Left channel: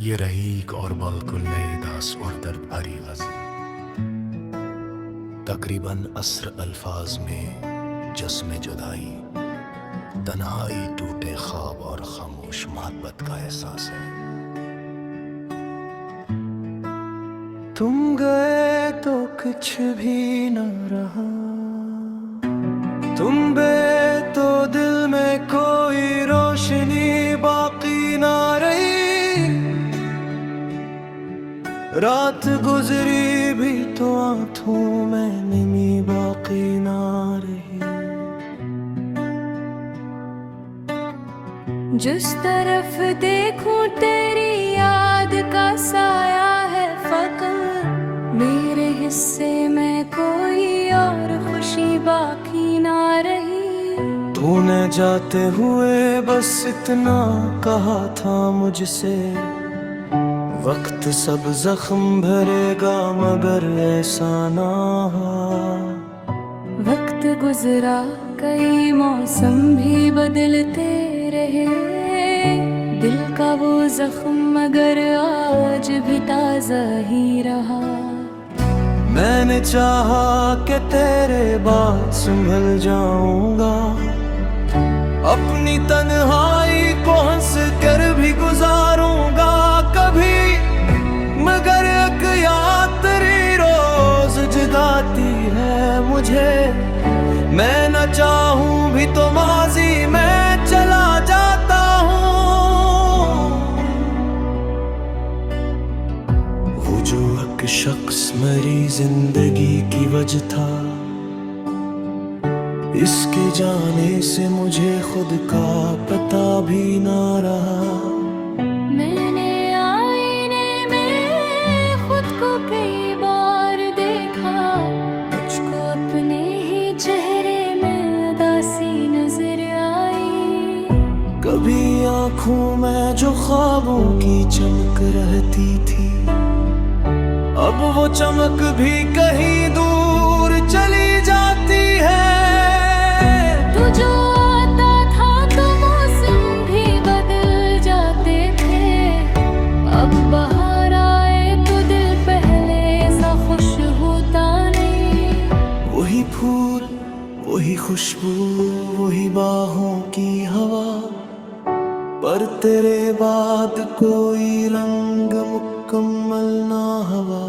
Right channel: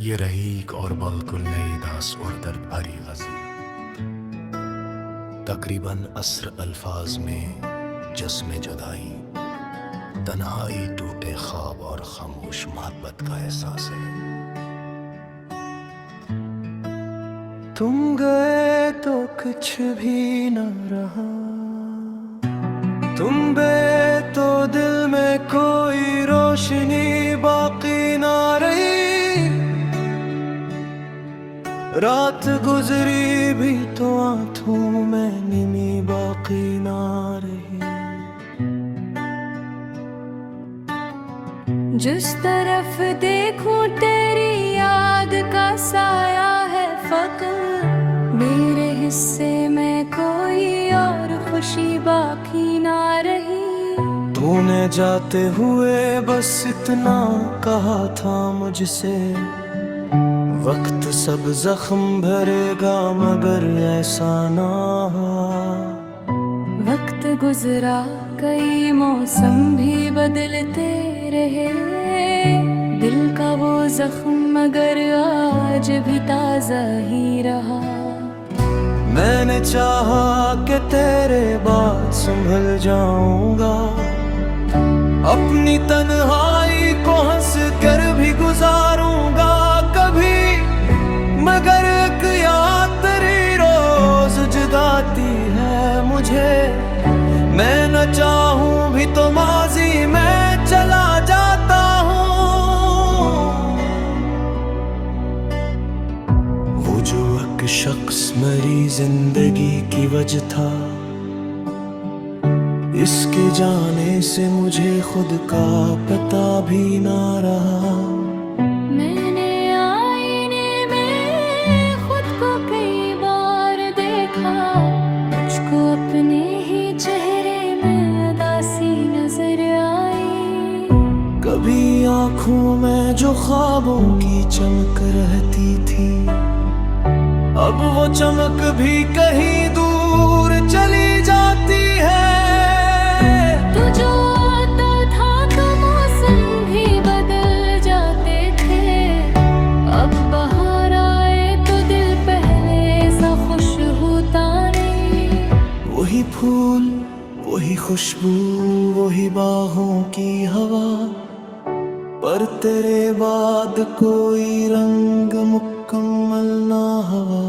ये रही एक और बिल्कुल नई दास और दर्द भरी गज़ल। तकरीबन अस्र अल्फाज में जस्म जुदाई, तन्हाई, टूटे ख्वाब और खामोश मोहब्बत का एहसास है। तुम गए तो कुछ भी न रहा, तुम बे तो दिल में कोई रोशनी बाकी ना रही। रात गुजरी भी तो आंखों में निमी बाकी ना रही। जिस तरफ देखूं तेरी याद का साया है फकत, मेरे हिस्से में कोई और खुशी बाकी ना रही। तूने जाते हुए बस इतना कहा था मुझसे, वक्त सब जख्म भरेगा मगर ऐसा ना हुआ। वक्त गुजरा, कई मौसम भी बदलते रहे, दिल का वो जख्म मगर आज भी ताजा ही रहा। मैंने चाहा कि तेरे बाद संभल जाऊंगा, अपनी तन्हाई को हंस कर भी गुजारूंगा कभी, मगर एक याद तेरी रोज जगाती है मुझे। मैं न चाहूं भी तो माजी में चला जाता हूँ। वो जो एक शख्स मेरी जिंदगी की वजह था, इसके जाने से मुझे खुद का पता भी ना रहा। मैंने आईने में खुद को कई बार देखा, मुझको अपने ही चेहरे में उदासी नजर आई। कभी आँखों में जो ख्वाबों की चमक रहती थी, अब वो चमक भी कहीं दूर चली जाती है। तू जो आता था तो मौसम भी बदल जाते थे, अब बाहर आए तो दिल पहले सा खुश होता नहीं। वही फूल, वही खुशबू, वही बाहों की हवा, पर तेरे बाद कोई रंग मुकम्मल ना हवा।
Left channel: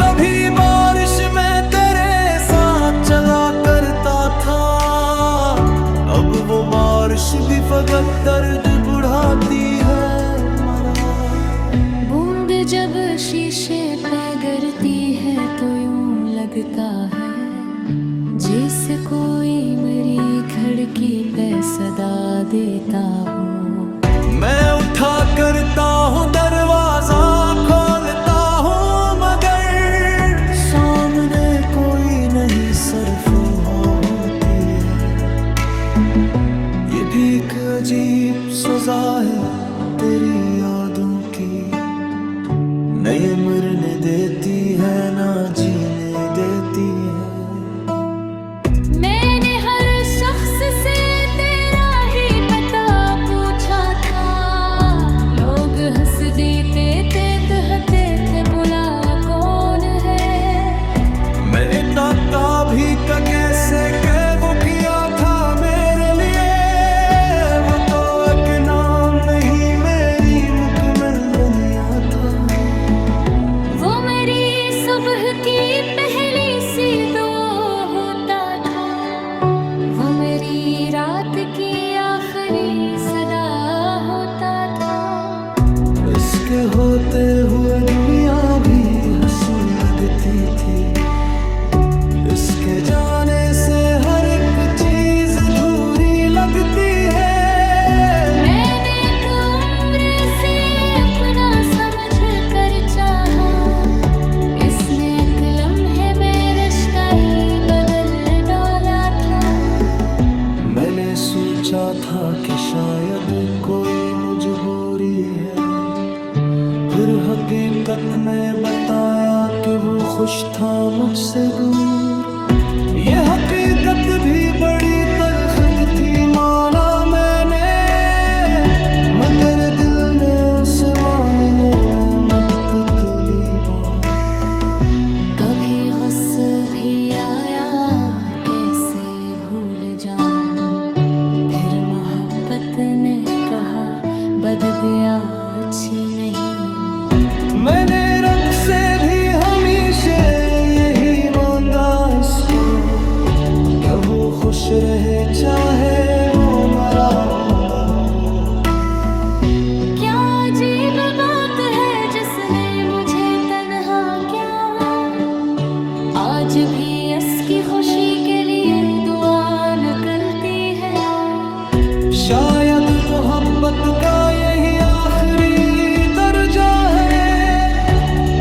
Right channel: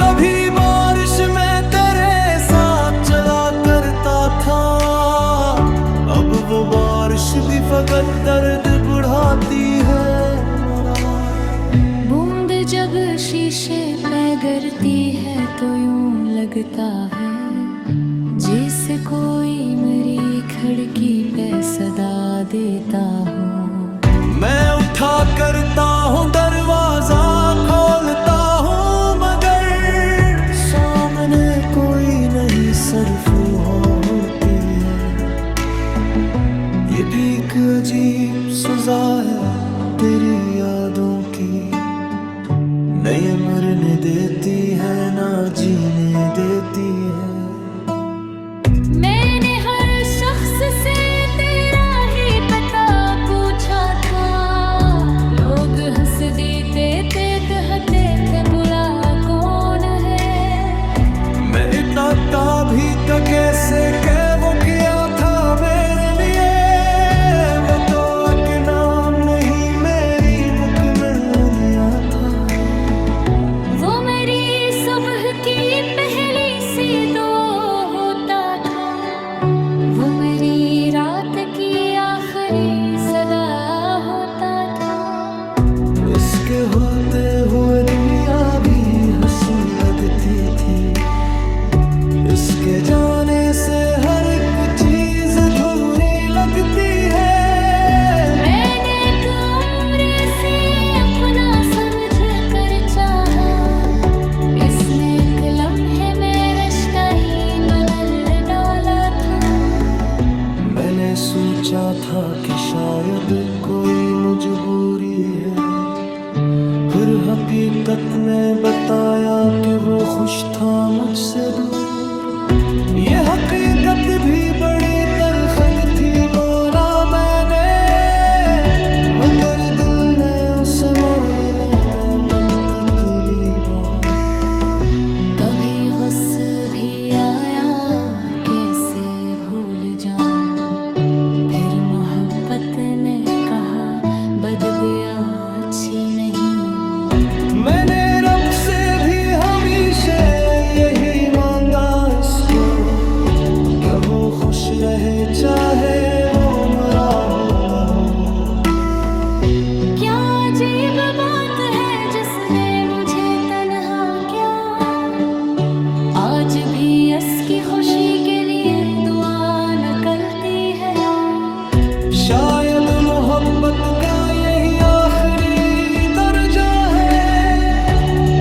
कभी बारिश में तेरे साथ चला करता था, अब वो बारिश भी फकत दर्द बढ़ाती है मरा। बूंद जब शीशे पे गिरती है तो यूं लगता है जैसे कोई मेरी खिड़की पे सदा देता हो। मैं उठा करता हूँ दरवाजा खोलता हूँ, मगर सामने कोई नहीं सर्फ होती है। ये भी एक अजीब सजा है तेरी यादों की, नई मरने देती है ना जीने देती है। मैंने हर शख्स से तेरा ही पता पूछा था, लोग हंस देते थे, कहते थे बुला कौन है। मैं इतना भी का कैसे के वो किया था मेरे लिए, वो तो एक नाम नहीं मेरी मुकम्मल दुनिया था। वो मेरी सुबह की पहली सी दो होता था, वो मेरी रात की आखिरी सदा होता था। इसके होते हुए दुनिया भी हंसी लगती थी, इसके जाने से हर एक चीज अधूरी लगती है। मैंने एक उम्र से अपना समझ कर चाहा, इसने एक लम्हे में रिश्ता ही बदल डाला था। मैंने सोचा था कि शायद कोई मजबूरी है, फिर हकीकत ने बताया कि वो खुश था मुझसे दूर। ये हकीकत भी बड़ी तल्ख थी माना मैंने, मगर दिल ने उसे मान तितली बहुत। कभी गुस्सा भी आया कैसे भूल जाऊं, फिर मोहब्बत ने कहा बददुआ अच्छी नहीं। मैंने रब से भी हमेशा यही मांगा इसको, कि वो खुश रहे चाहे वो मरा हो न हो। क्या अजीब बात है जिसने मुझे तन्हा क्या, आज भी इसकी खुशी के लिए दुआ निकलती है। शायद मोहब्बत का यही आखिरी दर्जा है,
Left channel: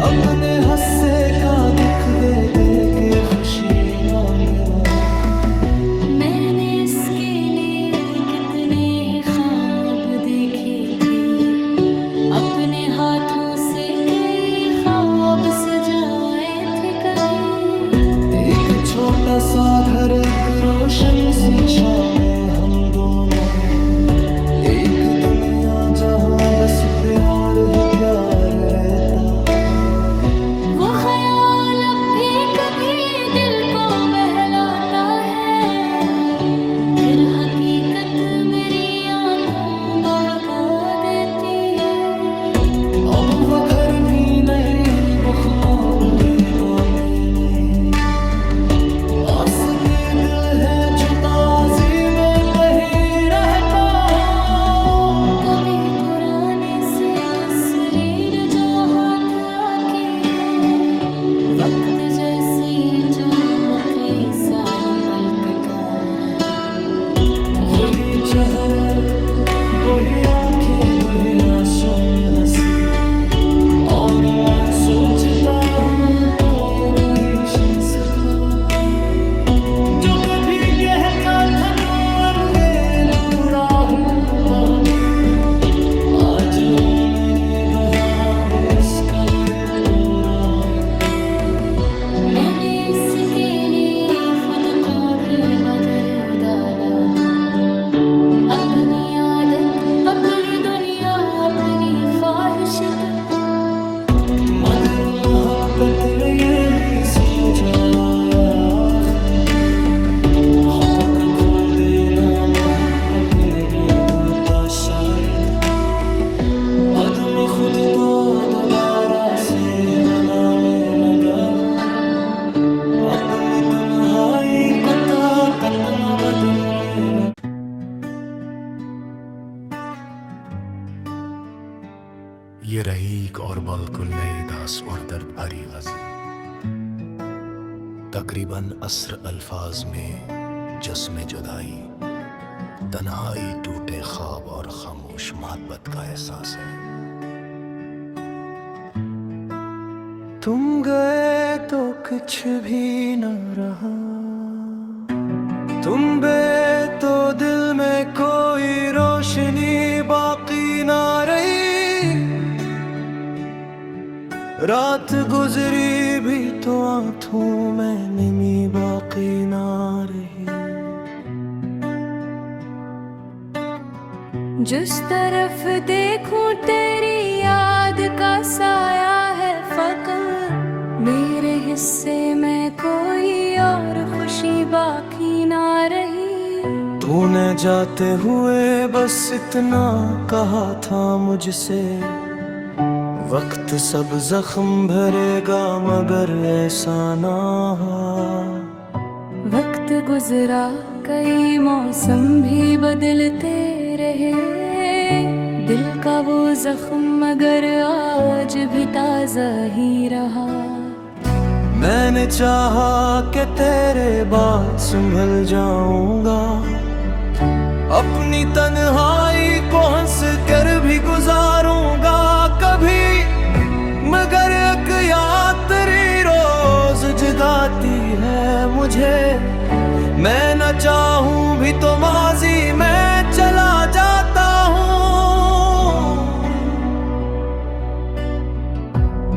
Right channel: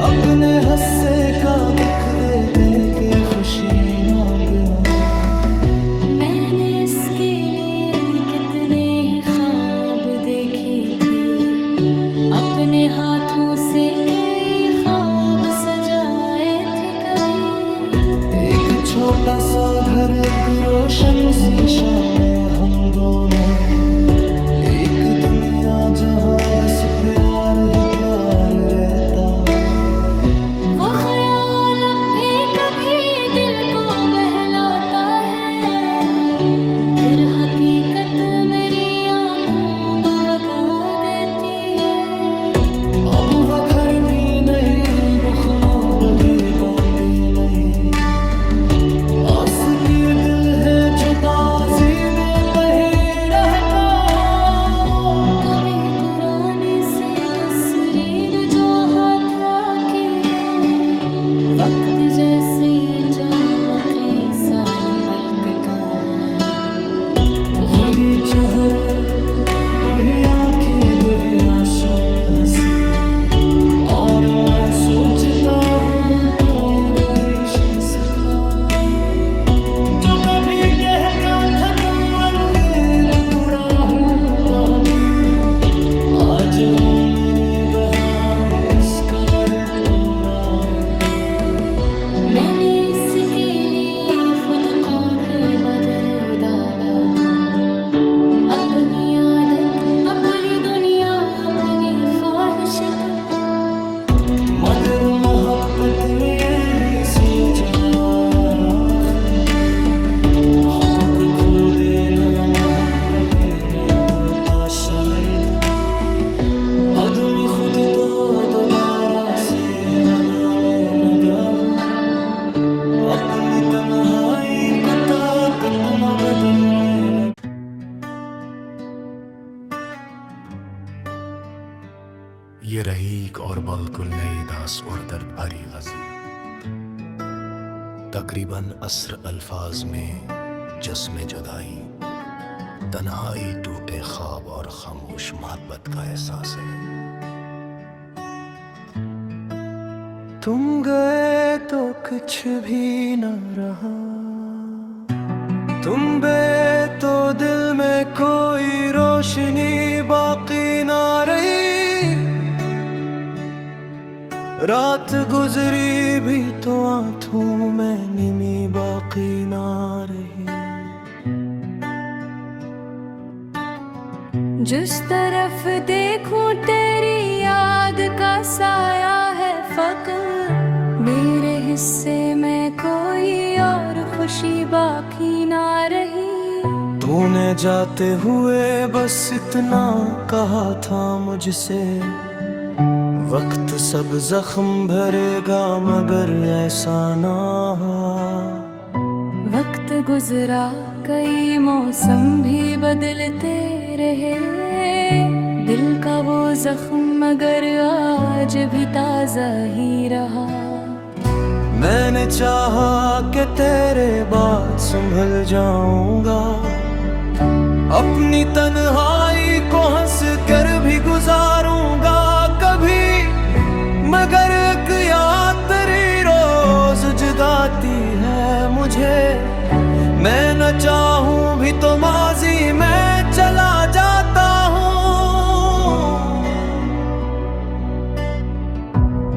अपने हस्से का दुख दे दे के खुशी मांगना। मैंने इसके लिए कितने ही ख्वाब देखे थे, अपने हाथों से कई ख्वाब सजाए थे। कभी एक छोटा सा घर, एक रोशन सी शामें हम दोनों, एक दुनिया जहां बस प्यार ही प्यार रहता। वो ख्याल अब भी कभी दिल को बहलाता है, फिर हकीकत मेरी आंखों बबका देती है। अब वो घर भी नहीं, वो ख्वाब की बातें नहीं, आस के दिल है जो ताज़ी में कहीं रहता हो। कभी पुराने से तस्वीर जो हाथ आती है, वक्त जैसी चमकती साल पलटता है। खुद ही चेहरे वही आंखें वही आंसू में हंसी, और मैं सोचता हूँ कोई वही शीश था जो कभी कहता था तुम अलगे दूरा हूँ बहुत ही। आज वो मेरे बहार खुशखबर तोड़ा है। मैंने इसके लिए खुद को भी बदल डाला था, अपनी आदत अपनी दुनिया अपनी ख्वाहिश तो। मगर मोहब्बत ने ये भी सोचाया आखिर, हक़ खो देना मोहब्बत नहीं होता शायद। आदमी खुद को दोबारा से बनाने लगा हूँ, अपनी तन्हाई को ताकत न बदलने लगा। ये रही एक और बिल्कुल नई दास और दर्द भरी गज़ल, तकरीबन अस्र अल्फाज में जस्म जुदाई, तन्हाई, टूटे ख्वाब और खामोश मोहब्बत का एहसास है। तुम गए तो कुछ भी न रहा, तुम बे तो दिल में कोई रोशनी बाकी ना रही। रात गुजरी भी तो आंखों में नींद बाकी ना रही। जिस तरफ देखूं तेरी याद का साया है फकत, मेरे हिस्से में कोई और खुशी बाकी ना रही। तूने जाते हुए बस इतना कहा था मुझसे, वक्त सब जख्म भरेगा मगर ऐसा ना हुआ। वक्त गुजरा कई मौसम भी बदलते रहे, दिल का वो जख्म मगर आज भी ताज़ा ही रहा। मैंने चाहा कि तेरे बाद संभल जाऊंगा, अपनी तन्हाई को हंस कर भी गुजारूंगा कभी, मगर एक याद तेरी रोज जगाती है मुझे। मैं न चाहूं भी तो माजी में चला जाता हूँ।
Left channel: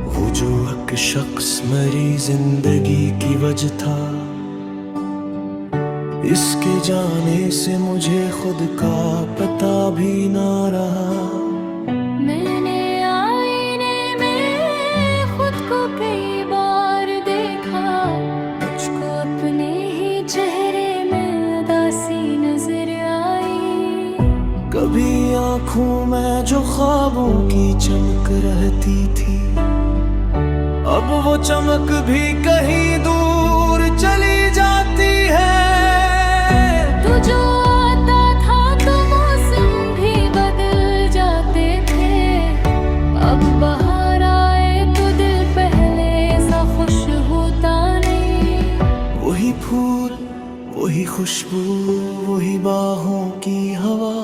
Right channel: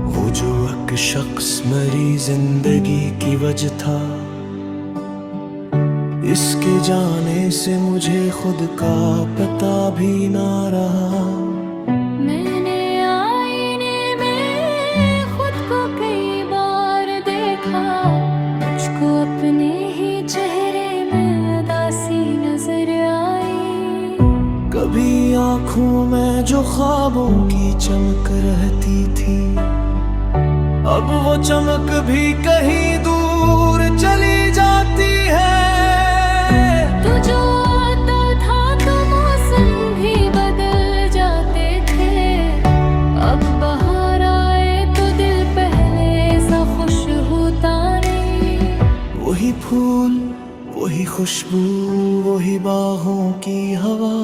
वो जो एक शख्स मेरी जिंदगी की वजह था, इसके जाने से मुझे खुद का पता भी ना रहा। मैंने आईने में सी नजर आई। कभी आंखों में जो ख्वाबों की चमक रहती थी, अब वो चमक भी कहीं दूर चली जाती है। तू जो आता था तो मौसम भी बदल जाते थे, अब बाहर आए तो दिल पहले सा खुश होता नहीं। वही फूल, वही खुशबू, वही बाहों की हवा,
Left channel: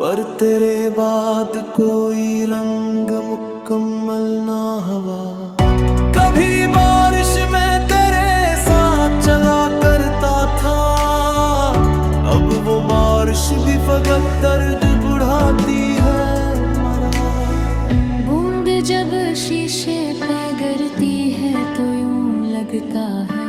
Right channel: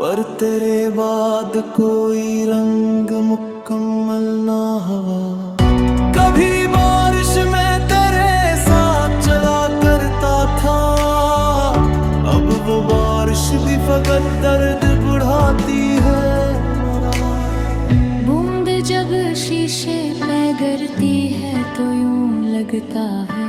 पर तेरे बाद कोई रंग मुकम्मल ना हवा। कभी बारिश में तेरे साथ चला करता था, अब वो बारिश भी फकत दर्द बढ़ाती है मरा। बूंद जब शीशे पे गिरती है तो यूं लगता है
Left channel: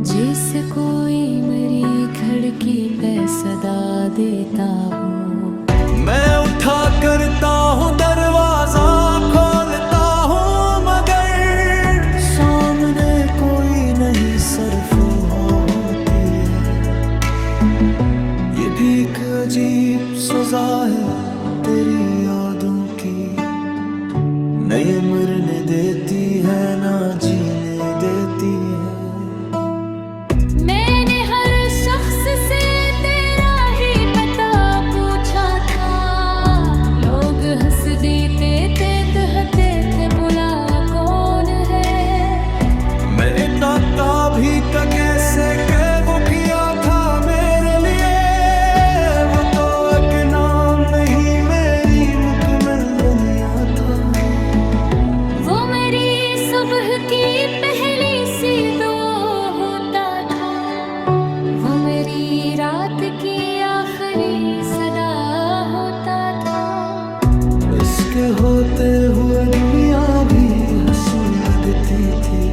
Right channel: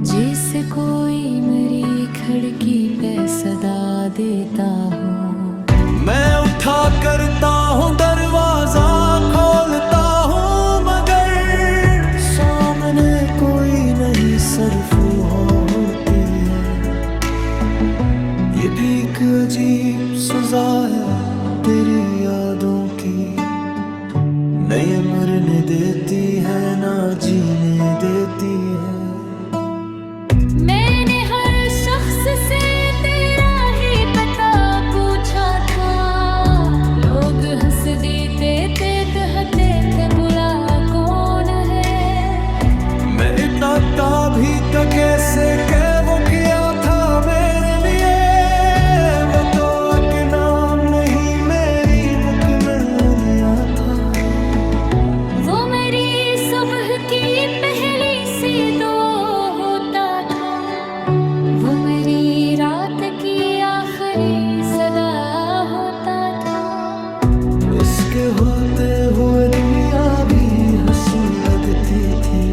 जैसे कोई मेरी खिड़की पे सदा देता हो। मैं उठा करता हूँ दरवाजा, खोलता हूँ मगर सामने कोई नहीं सिर्फ होती है। ये भी एक अजीब सजा है तेरी यादों की, नए मरने देती है ना जीने देती है। मैंने हर शख्स से तेरा ही पता पूछा था, लोग हंस देते थे, कहते थे बुला कौन है। मैं इतना भी तो कैसे के वो किया था मेरे लिए, वो तो एक नाम नहीं मेरी मुकम्मल दुनिया था। वो मेरी सुबह की पहली सी दो होता था, वो मेरी रात की आखिरी सदा होता था। इसके होते हुए दुनिया भी हंसी लगती थी,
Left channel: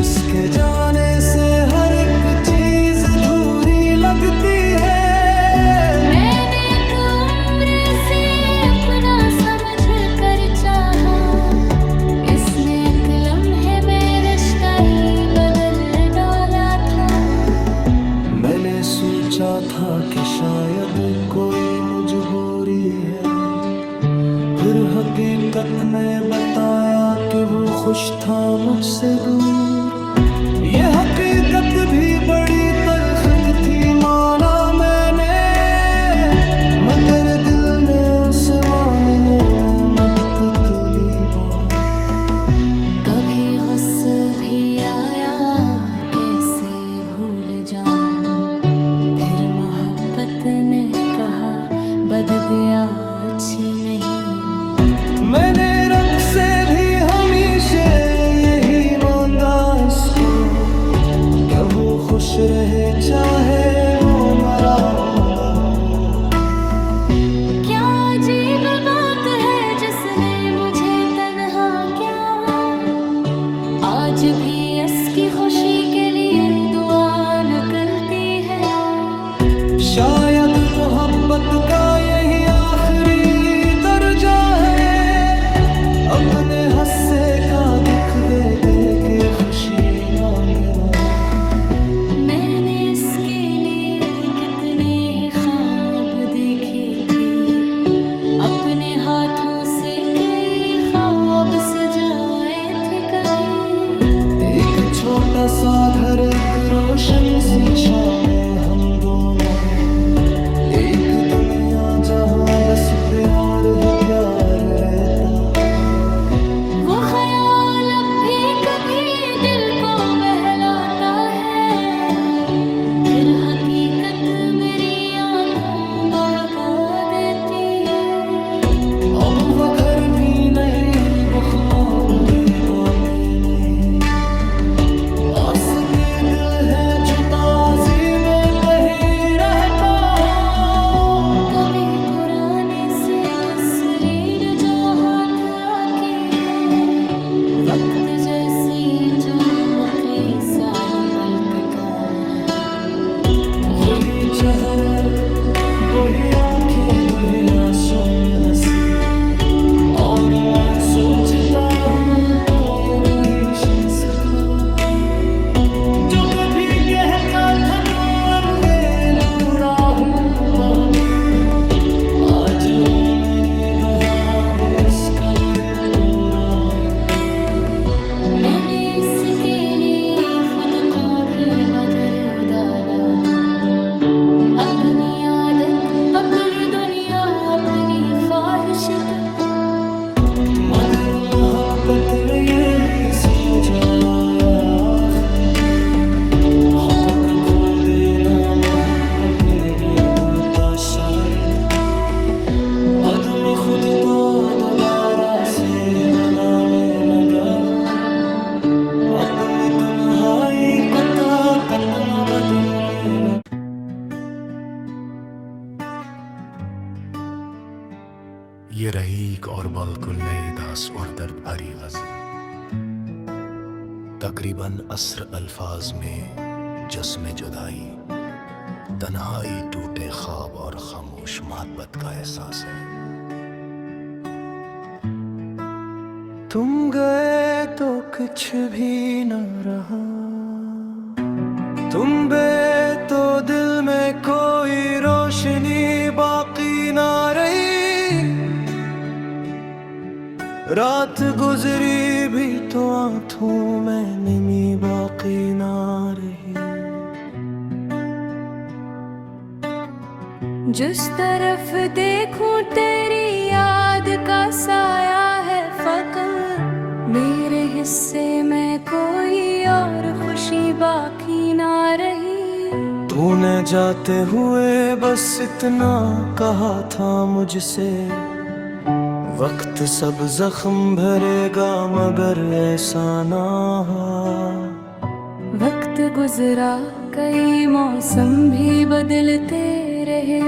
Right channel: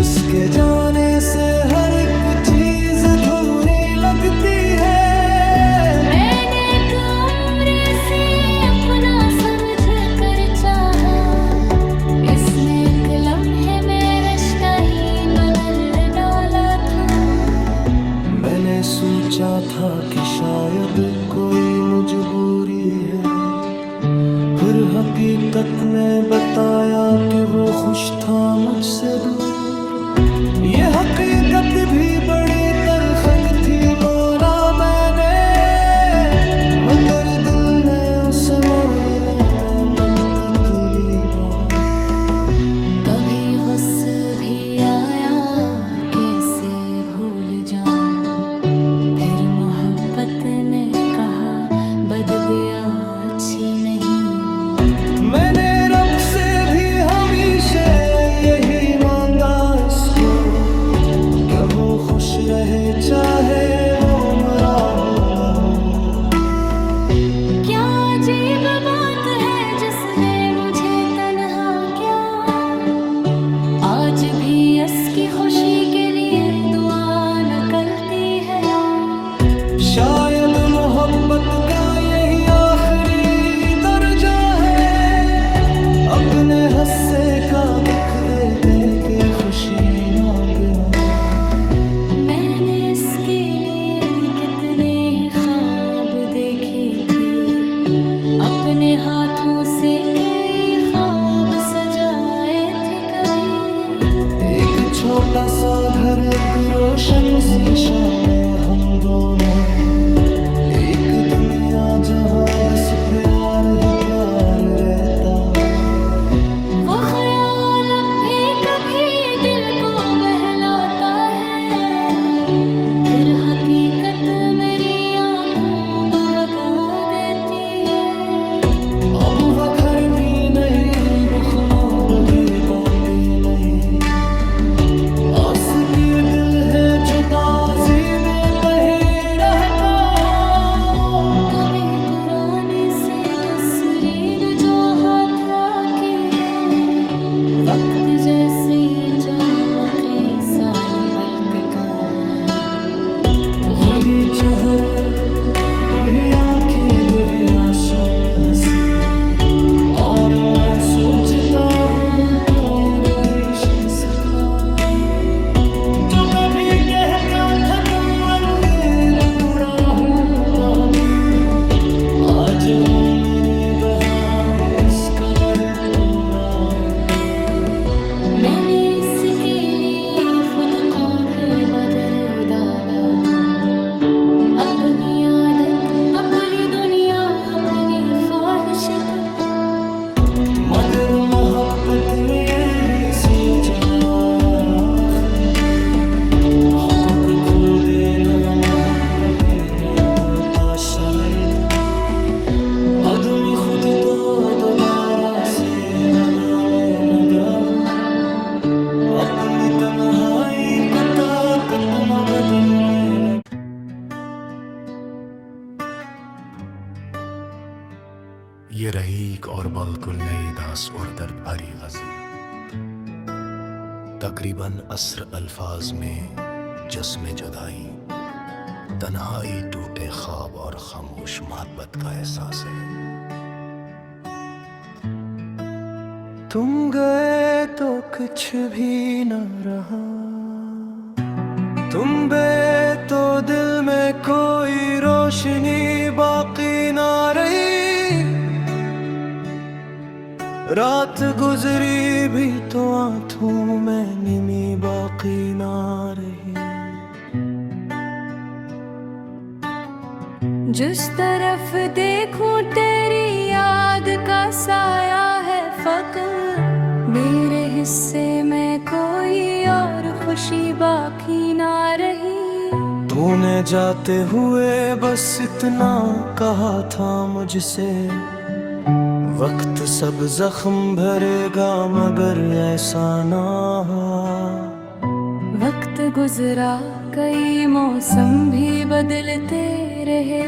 इसके जाने से हर एक चीज अधूरी लगती है। मैंने एक उम्र से अपना समझ कर चाहा, इसने एक लम्हे में रिश्ता ही बदल डाला था। मैंने सोचा था कि शायद कोई मजबूरी है, फिर हकीकत ने बताया कि वो खुश था मुझसे दूर। ये हकीकत भी बड़ी तल्ख थी माना मैंने, मगर दिल ने उसे मानने में मुद्दत ली बहुत। कभी गुस्सा भी आया कैसे भूल जाऊं, फिर मोहब्बत ने कहा बददुआ अच्छी नहीं। मैंने रब से भी हमेशा यही मांगा इसको, कि वो खुश रहे चाहे वो मरा हो न हो। क्या अजीब बात है जिसने मुझे तन्हा क्या, आज भी इसकी खुशी के लिए दुआ निकलती है। शायद मोहब्बत का यही आखिरी दर्जा है, अपने हस्से का दुख दे दे के खुशी मांगना। मैंने इसके लिए कितने ही ख्वाब देखे थे, अपने हाथों से कई ख्वाब सजाए थे। कभी एक छोटा सा घर, एक रोशन सी शामें हम दोनों, एक दुनिया जहां बस प्यार ही प्यार रहता। वो ख्याल अब भी कभी दिल को बहलाता है, फिर हकीकत मेरी आंखों को बगा देती है। अब वो घर भी नहीं, वो ख्वाब भी बातें नहीं, आस के दिल है जो ताज़ी में कहीं रहता हो। कभी पुराने से तस्वीर जो हाथ आती है, वक्त जैसी चमकी साल पलकता है। खुदी चेहरे वही आंखें वही आंसू में हंसी, और मैं सोचता हूँ कोई वही शख्स था जो कभी कहता था तुम अलगे दूरा हूँ बहुत, आज वो मेरे बहार खुशखबर पूरा है। मैंने इसके लिए खुद को भी बदल डाला, अपनी आदत, अपनी दुनिया, अपनी ख्वाहिश तो। मगर मोहब्बत में ये भी सूझ आया आखिर, हक़ खो देना मोहब्बत नहीं होता शायद। आदमी खुद को दोबारा से बनाने लगा हूँ, अपनी तन्हाई को ताकत न बदलने लगा। ये रहीक और बिल्कुल नई दास और दर्द भरी गज़ल, तकरीबन अस्र अल्फाज में जिस्म जुदाई, तन्हाई, टूटे ख्वाब और खामोश मोहब्बत का एहसास है। तुम गए तो कुछ भी न रहा, तुम बे तो दिल में कोई रोशनी बाकी ना रही। रात गुजरी भी तो आंखों में निमी बाकी ना रही। जिस तरफ देखूं तेरी याद का साया है फकत, मेरे हिस्से में कोई और खुशी बाकी ना रही। तूने जाते हुए बस इतना कहा था मुझसे, वक्त सब जख्म भरेगा मगर ऐसा ना हुआ। वक्त गुजरा, कई मौसम भी बदलते रहे,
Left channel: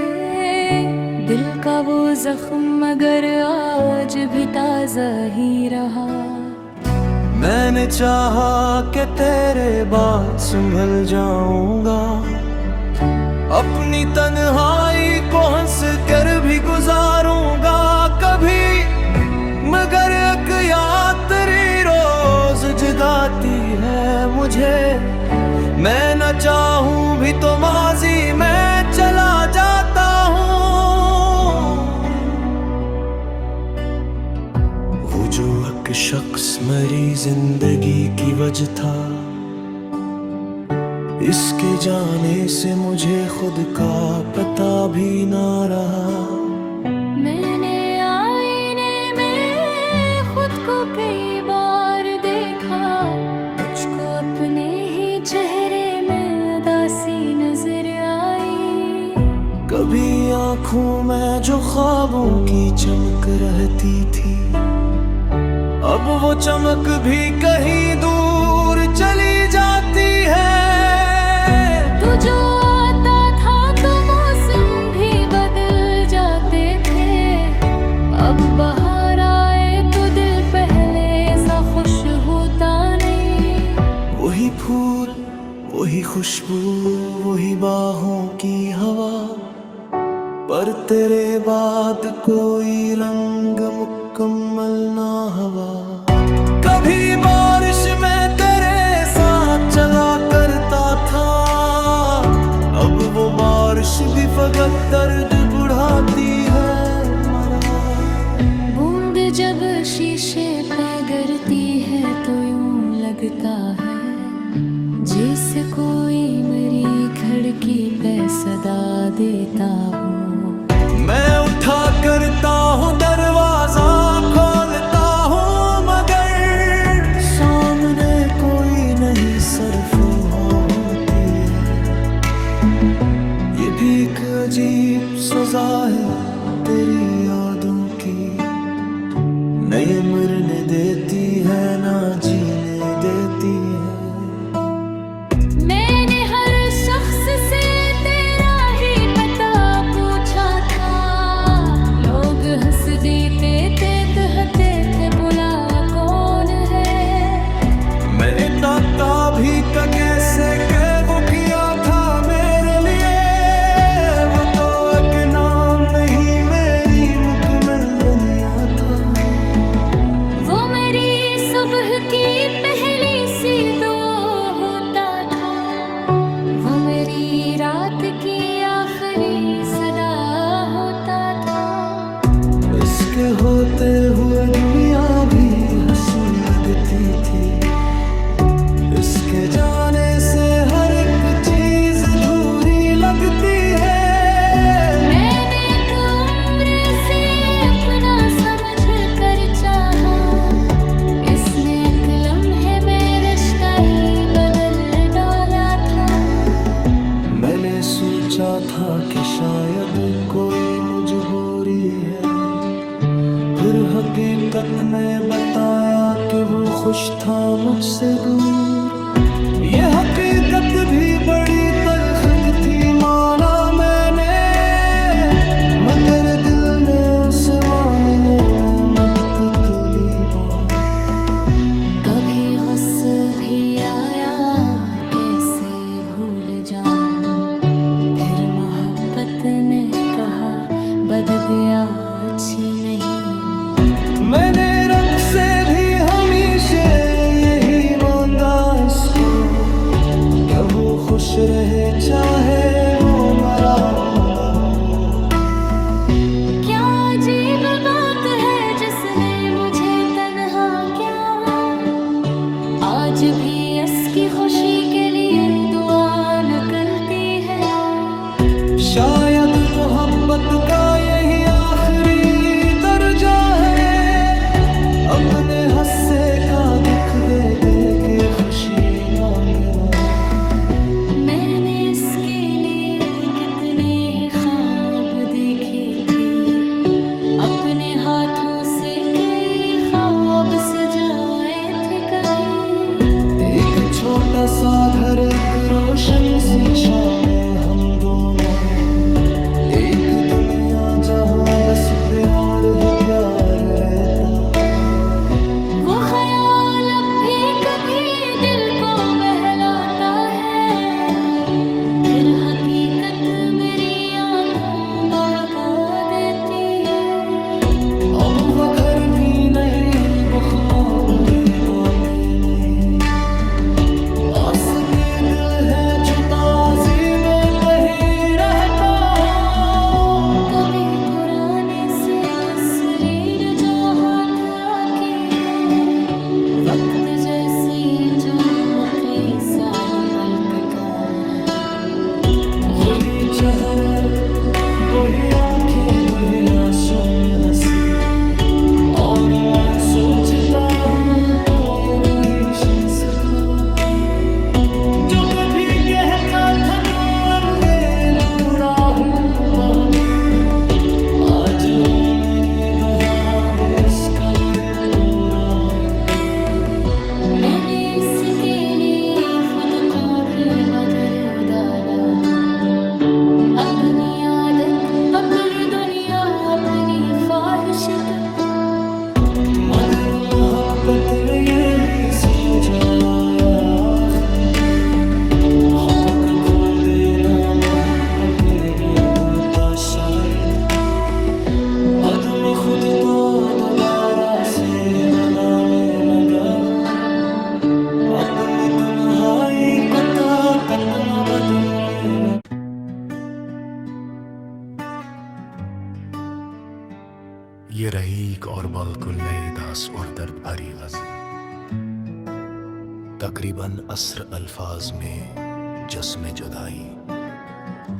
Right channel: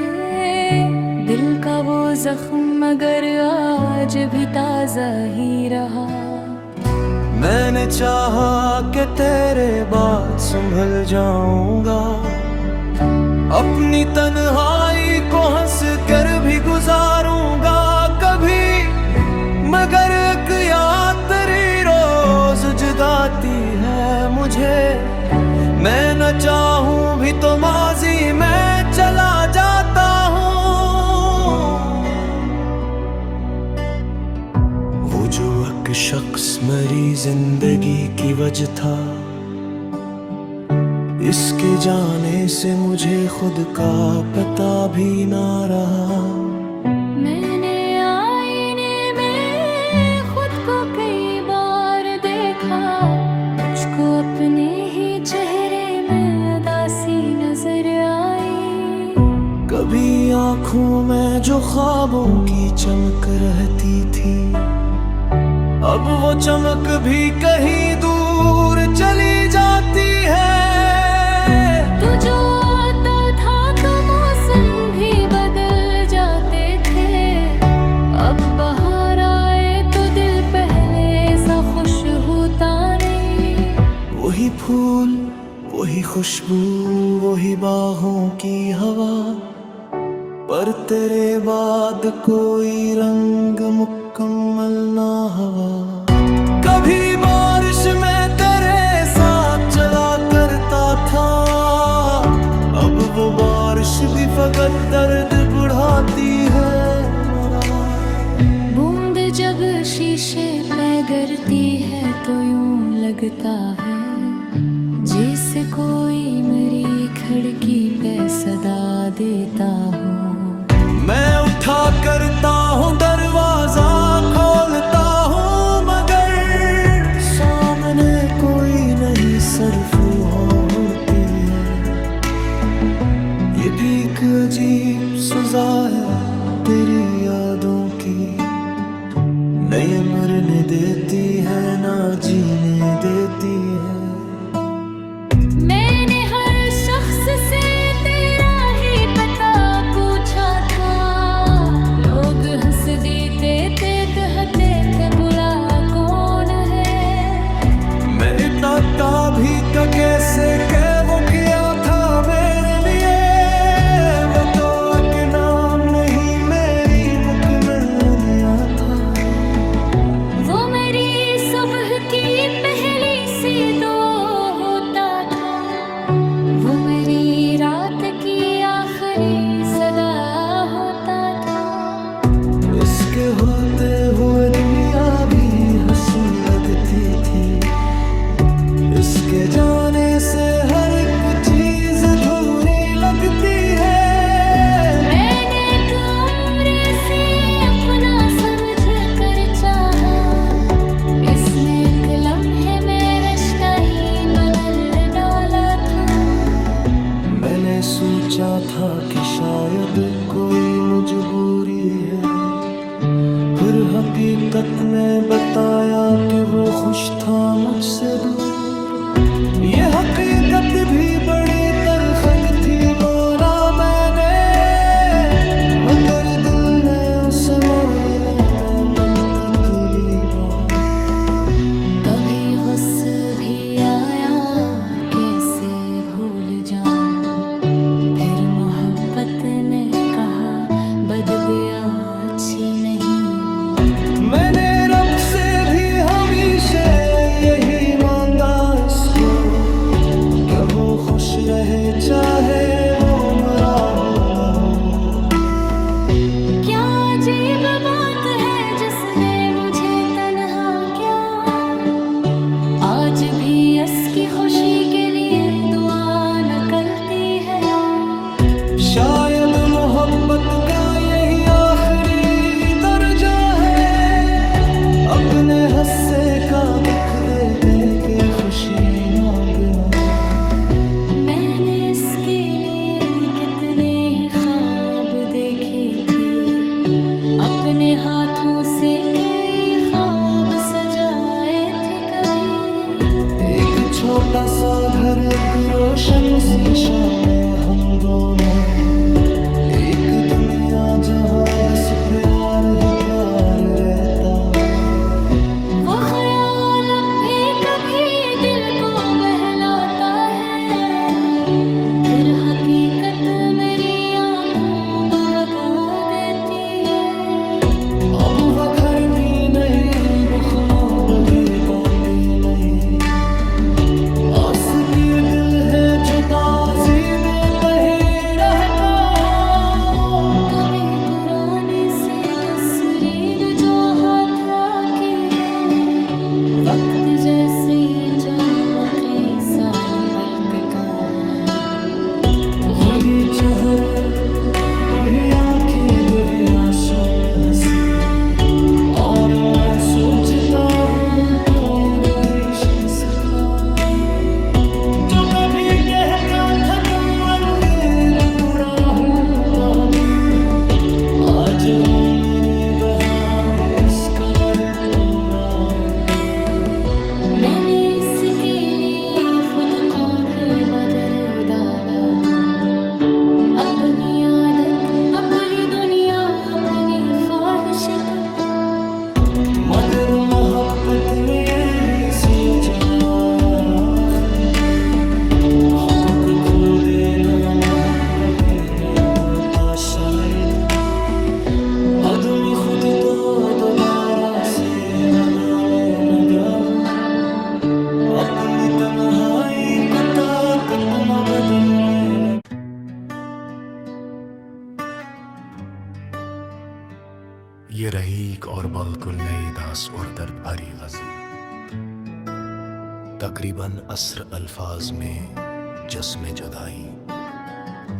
दिल का वो जख्म मगर आज भी ताजा ही रहा। मैंने चाहा कि तेरे बाद संभल जाऊंगा, अपनी तन्हाई को हंस कर भी गुजारूंगा कभी, मगर एक याद तेरी रोज जगाती है मुझे। मैं न चाहूं भी तो माजी में चला जाता हूँ। वो जो एक शख्स मेरी जिंदगी की वजह था, इसके जाने से मुझे खुद का पता भी ना रहा। मैंने आईने में खुद को कई बार देखा, मुझको अपने ही चेहरे में उदासी नजर आई। कभी आँखों में जो ख्वाबों की चमक रहती थी, अब वो चमक भी कहीं दूर चली जाती है। तू जो आता था तो मौसम भी बदल जाते थे, अब बाहर आए तो दिल पहले सा खुश होता नहीं। वही फूल, वही खुशबू, वही बाहों की हवा, पर तेरे बाद कोई रंग मुकम्मल ना हवा। कभी बारिश में तेरे साथ चला करता था, अब वो बारिश भी फकत दर्द बढ़ाती है मरा। बूंद जब शीशे पे गिरती है तो यूं लगता है जैसे कोई मेरी खिड़की पे सदा देता हो। मैं उठा करता हूँ दरवाजा खोलता हूँ, मगर सामने कोई नहीं सरफू होती है। ये भी एक अजीब सजा है तेरी यादों की, न ये मरने देती है ना जीने देती है। मैंने हर शख्स से तेरा ही पता पूछा था, लोग हंस देते थे, कहते थे बुला कौन है। मैं इतना भी तो कैसे के वो किया था मेरे लिए, वो तो एक नाम नहीं मेरी मुकम्मल दुनिया था। वो मेरी सुबह की पहली सी दो होता था, की आखिरी सदा होता था। इसके होते हुए दुनिया भी हंसी लगती थी, इसके जाने से हर एक चीज अधूरी लगती है। मैंने एक उम्र से अपना समझ कर चाहा, इसने एक लम्हे में रिश्ता ही बदल डाला था। मैंने सोचा था कि शायद कोई मजबूरी है, फिर हकीकत में बताया कि वो खुश था मुझसे दूर। ये हकीकत भी बड़ी तल्ख थी माना मैंने, मगर दिल ने उसे मानने में मुद्दत ली बहुत। कभी गुस्सा भी आया कैसे भूल जाऊं, फिर मोहब्बत ने कहा बद गया अच्छी नहीं। मैंने रब से भी हमेशा यही मांगा इसको, कि वो खुश रहे चाहे वो मरा हो न हो। क्या अजीब बात है जिसने मुझे तन्हा क्या, आज भी इसकी खुशी के लिए दुआ निकलती है। शायद मोहब्बत का यही आखिरी दर्जा है, अपने हस्से का दुख दे दे के खुशी मांगना। मैंने इसके लिए कितने ही ख्वाब देखे थे, अपने हाथों से कई ख्वाब सजाए थे। कभी एक छोटा सा घर, एक रोशन शीशा में हम दोनों, एक दुनिया जहां बस प्यार ही प्यार रहता। वो ख्याल अब भी कभी दिल को बहलाता है, फिर हकीकत मेरी आंखों को बगा देती है। अब वो घर भी नहीं, वो ख्वाब भी बातें नहीं, आस के दिल है जो ताज़ी में कहीं रहता हो। कभी पुराने से तस्वीर जो हाथ आती है, वक्त जैसी चमकी साल पलकता है। खुदी चेहरे वही आंखें वही आंसू में हंसी, और मैं सोचता हूँ कोई वही शख्स था जो कभी कहता था तुम मनगे दूरा हूँ बहुत ही। आज वो मेरे बहार खुशखबर पूरा है। मैंने इसके लिए खुद को भी बदल डाला, अपनी आदत अपनी दुनिया अपनी ख्वाहिश तो। मगर मोहब्बत में ये भी सूझाया आखिर, हक़ खो देना मोहब्बत नहीं होता शायद। आदमी खुद को दोबारा से बनाने लगा हूँ, अपनी तन्हाई को ताकत न बदलने लगा। ये रही एक और बिल्कुल नई दास और दर्द भरी गज़ल, तकरीबन अस्र अल्फाज में जिस्म जुदाई,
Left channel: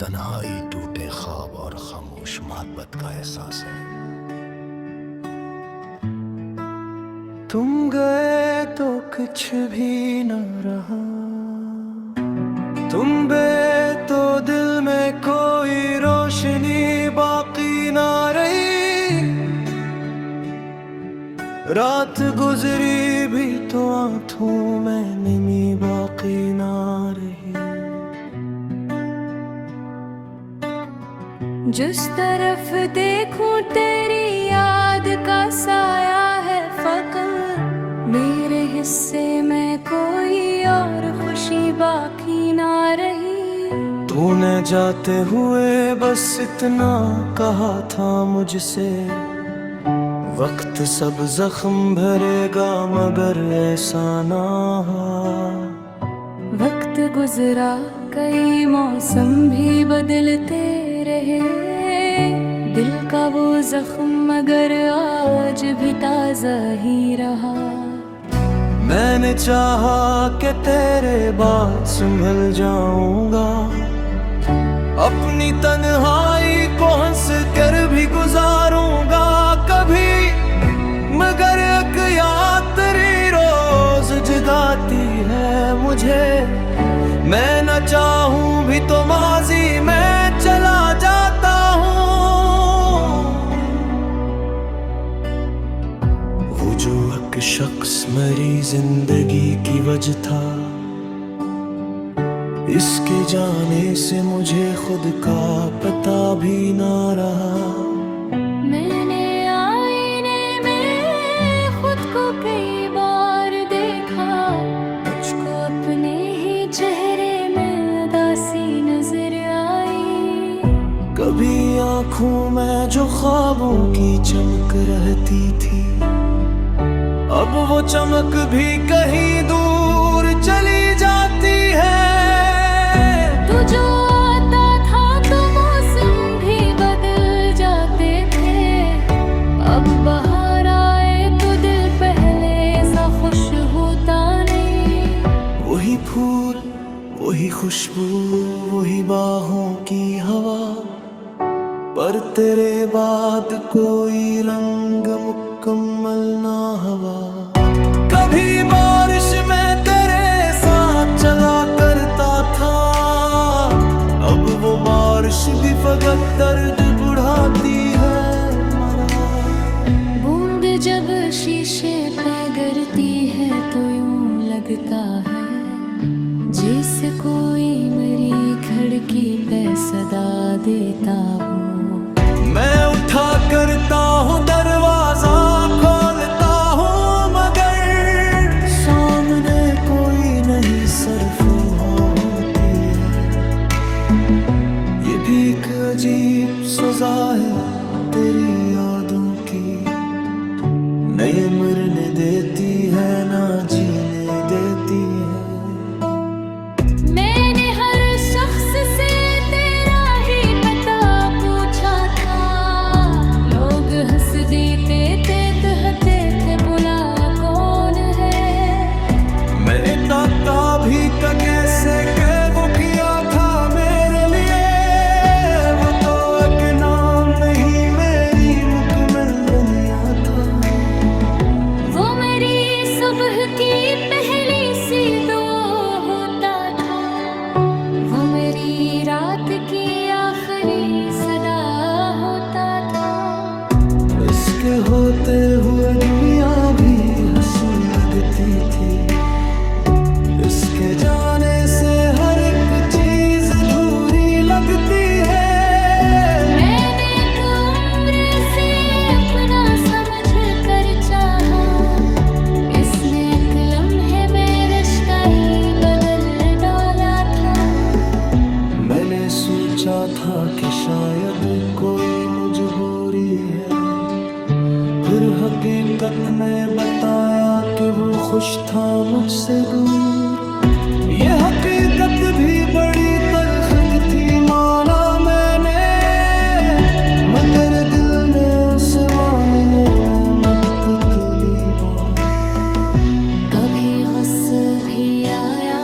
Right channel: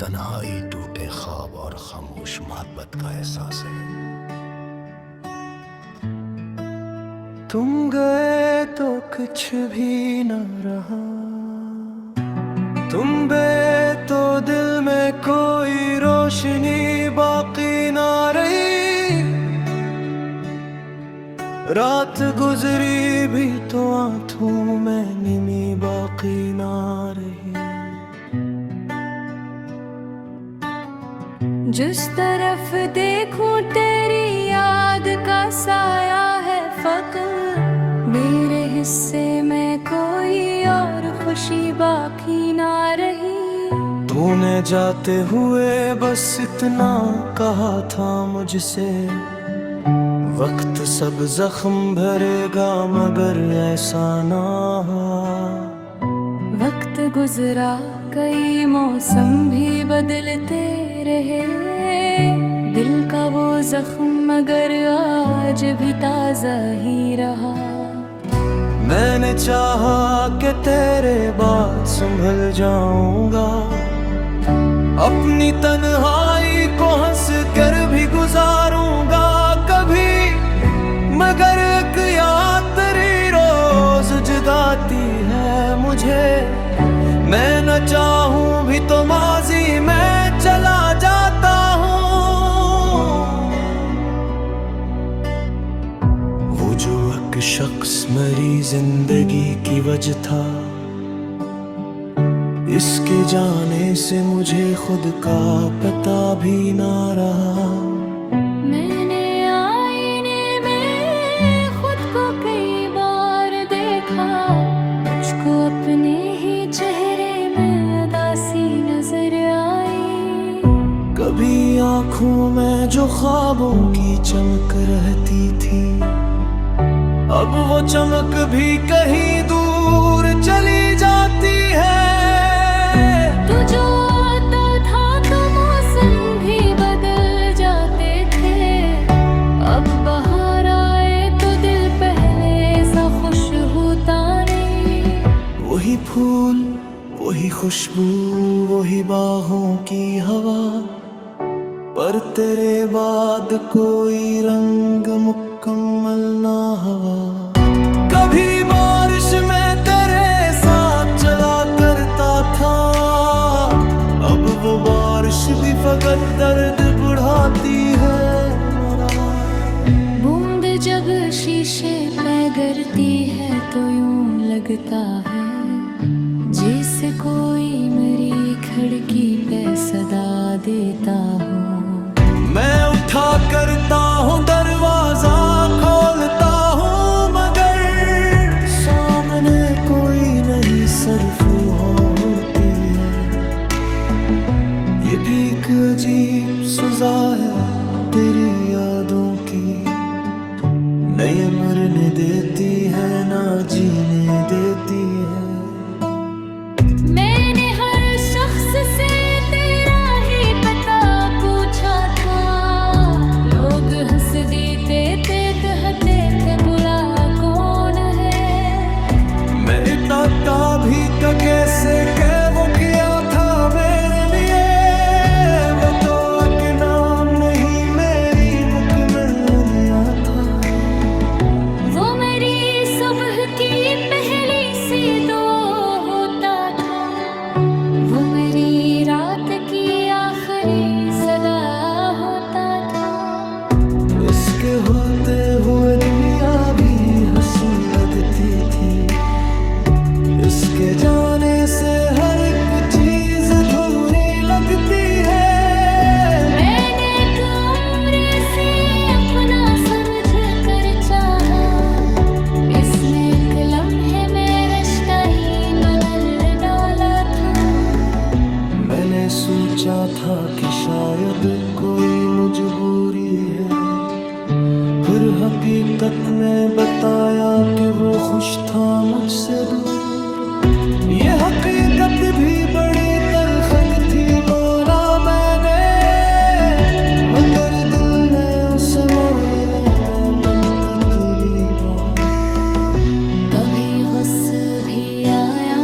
तन्हाई टूटे ख्वाब और खामोश मोहब्बत का एहसास है। तुम गए तो कुछ भी न रहा, तुम बे तो दिल में कोई रोशनी बाकी ना रही। रात गुजरी भी तो आंखों में निमी बाकी ना रही। जिस तरफ देखूं तेरी याद का साया है फकत, मेरे हिस्से में कोई और खुशी बाकी ना रही। तूने जाते हुए बस इतना कहा था मुझसे, वक्त सब जख्म भरेगा मगर ऐसा ना हुआ। वक्त गुजरा कई मौसम भी बदलते रहे, दिल का वो जख्म मगर आज भी ताजा ही रहा। मैंने चाहा कि तेरे बाद संभल जाऊंगा, अपनी तन्हाई को हंस कर भी गुजारूंगा कभी, मगर एक याद तेरी रोज जगाती है मुझे। मैं न चाहूं भी तो माजी में चला जाता हूँ। वो जो एक शख्स मेरी जिंदगी की वजह था, इसके जाने से मुझे खुद का पता भी ना रहा। मैंने आईने में खुद को कई बार देखा, मुझको अपने ही चेहरे में उदासी नजर आई। कभी आंखों में जो ख्वाबों की चमक रहती थी, अब वो चमक भी कहीं दूर चली जाती है। तू जो आता था तो मौसम भी बदल जाते थे, अब बाहर आए तो दिल पहले सा खुश होता नहीं। वही फूल, वही खुशबू, वही बाहों की हवा, पर तेरे बाद कोई रंग मुकम्मल ना हवा। कभी बारिश में तेरे साथ चला करता था, अब वो बारिश भी फकत दर्द बढ़ाती है मरा। बूंद जब शीशे पे गिरती है तो यूं लगता है जैसे कोई मेरी खिड़की पे सदा देता हो। मैं उठा करता हूँ दरवाजा खोलता हूँ, मगर सामने कोई नहीं सरफुहा होती है। ये भी एक अजीब सजा है तेरी यादों की, नए मरने देती है ना जीने देती है। मैंने हर शख्स से तेरा ही पता पूछा था, लोग हंस देते थे कहते थे बुला कौन है। मैं इताता भी तो कैसे के वो किया था मेरे लिए, वो तो एक नाम नहीं मेरी मुकम्मल निया था। वो मेरी सुबह की पहली सी दो होता था, वो मेरी रात की आखिरी सदा होता था। इसके होते हुए दुनिया भी हंसी लगती थी, इसके जाने से हर एक चीज अधूरी लगती है। मैंने एक उम्र से अपना समझ कर चाहा, इसने एक लम्हे में रिश्ता ही बदल डाला था। मैंने सोचा था कि शायद कोई मजबूरी है, फिर हकीकत में बताया कि वो खुश था मुझसे दूर। ये हकीकत भी बड़ी तल्ख थी माना मैंने, मगर दिल ने उसे मानने में मुद्दत ली बहुत। कभी गुस्सा भी आया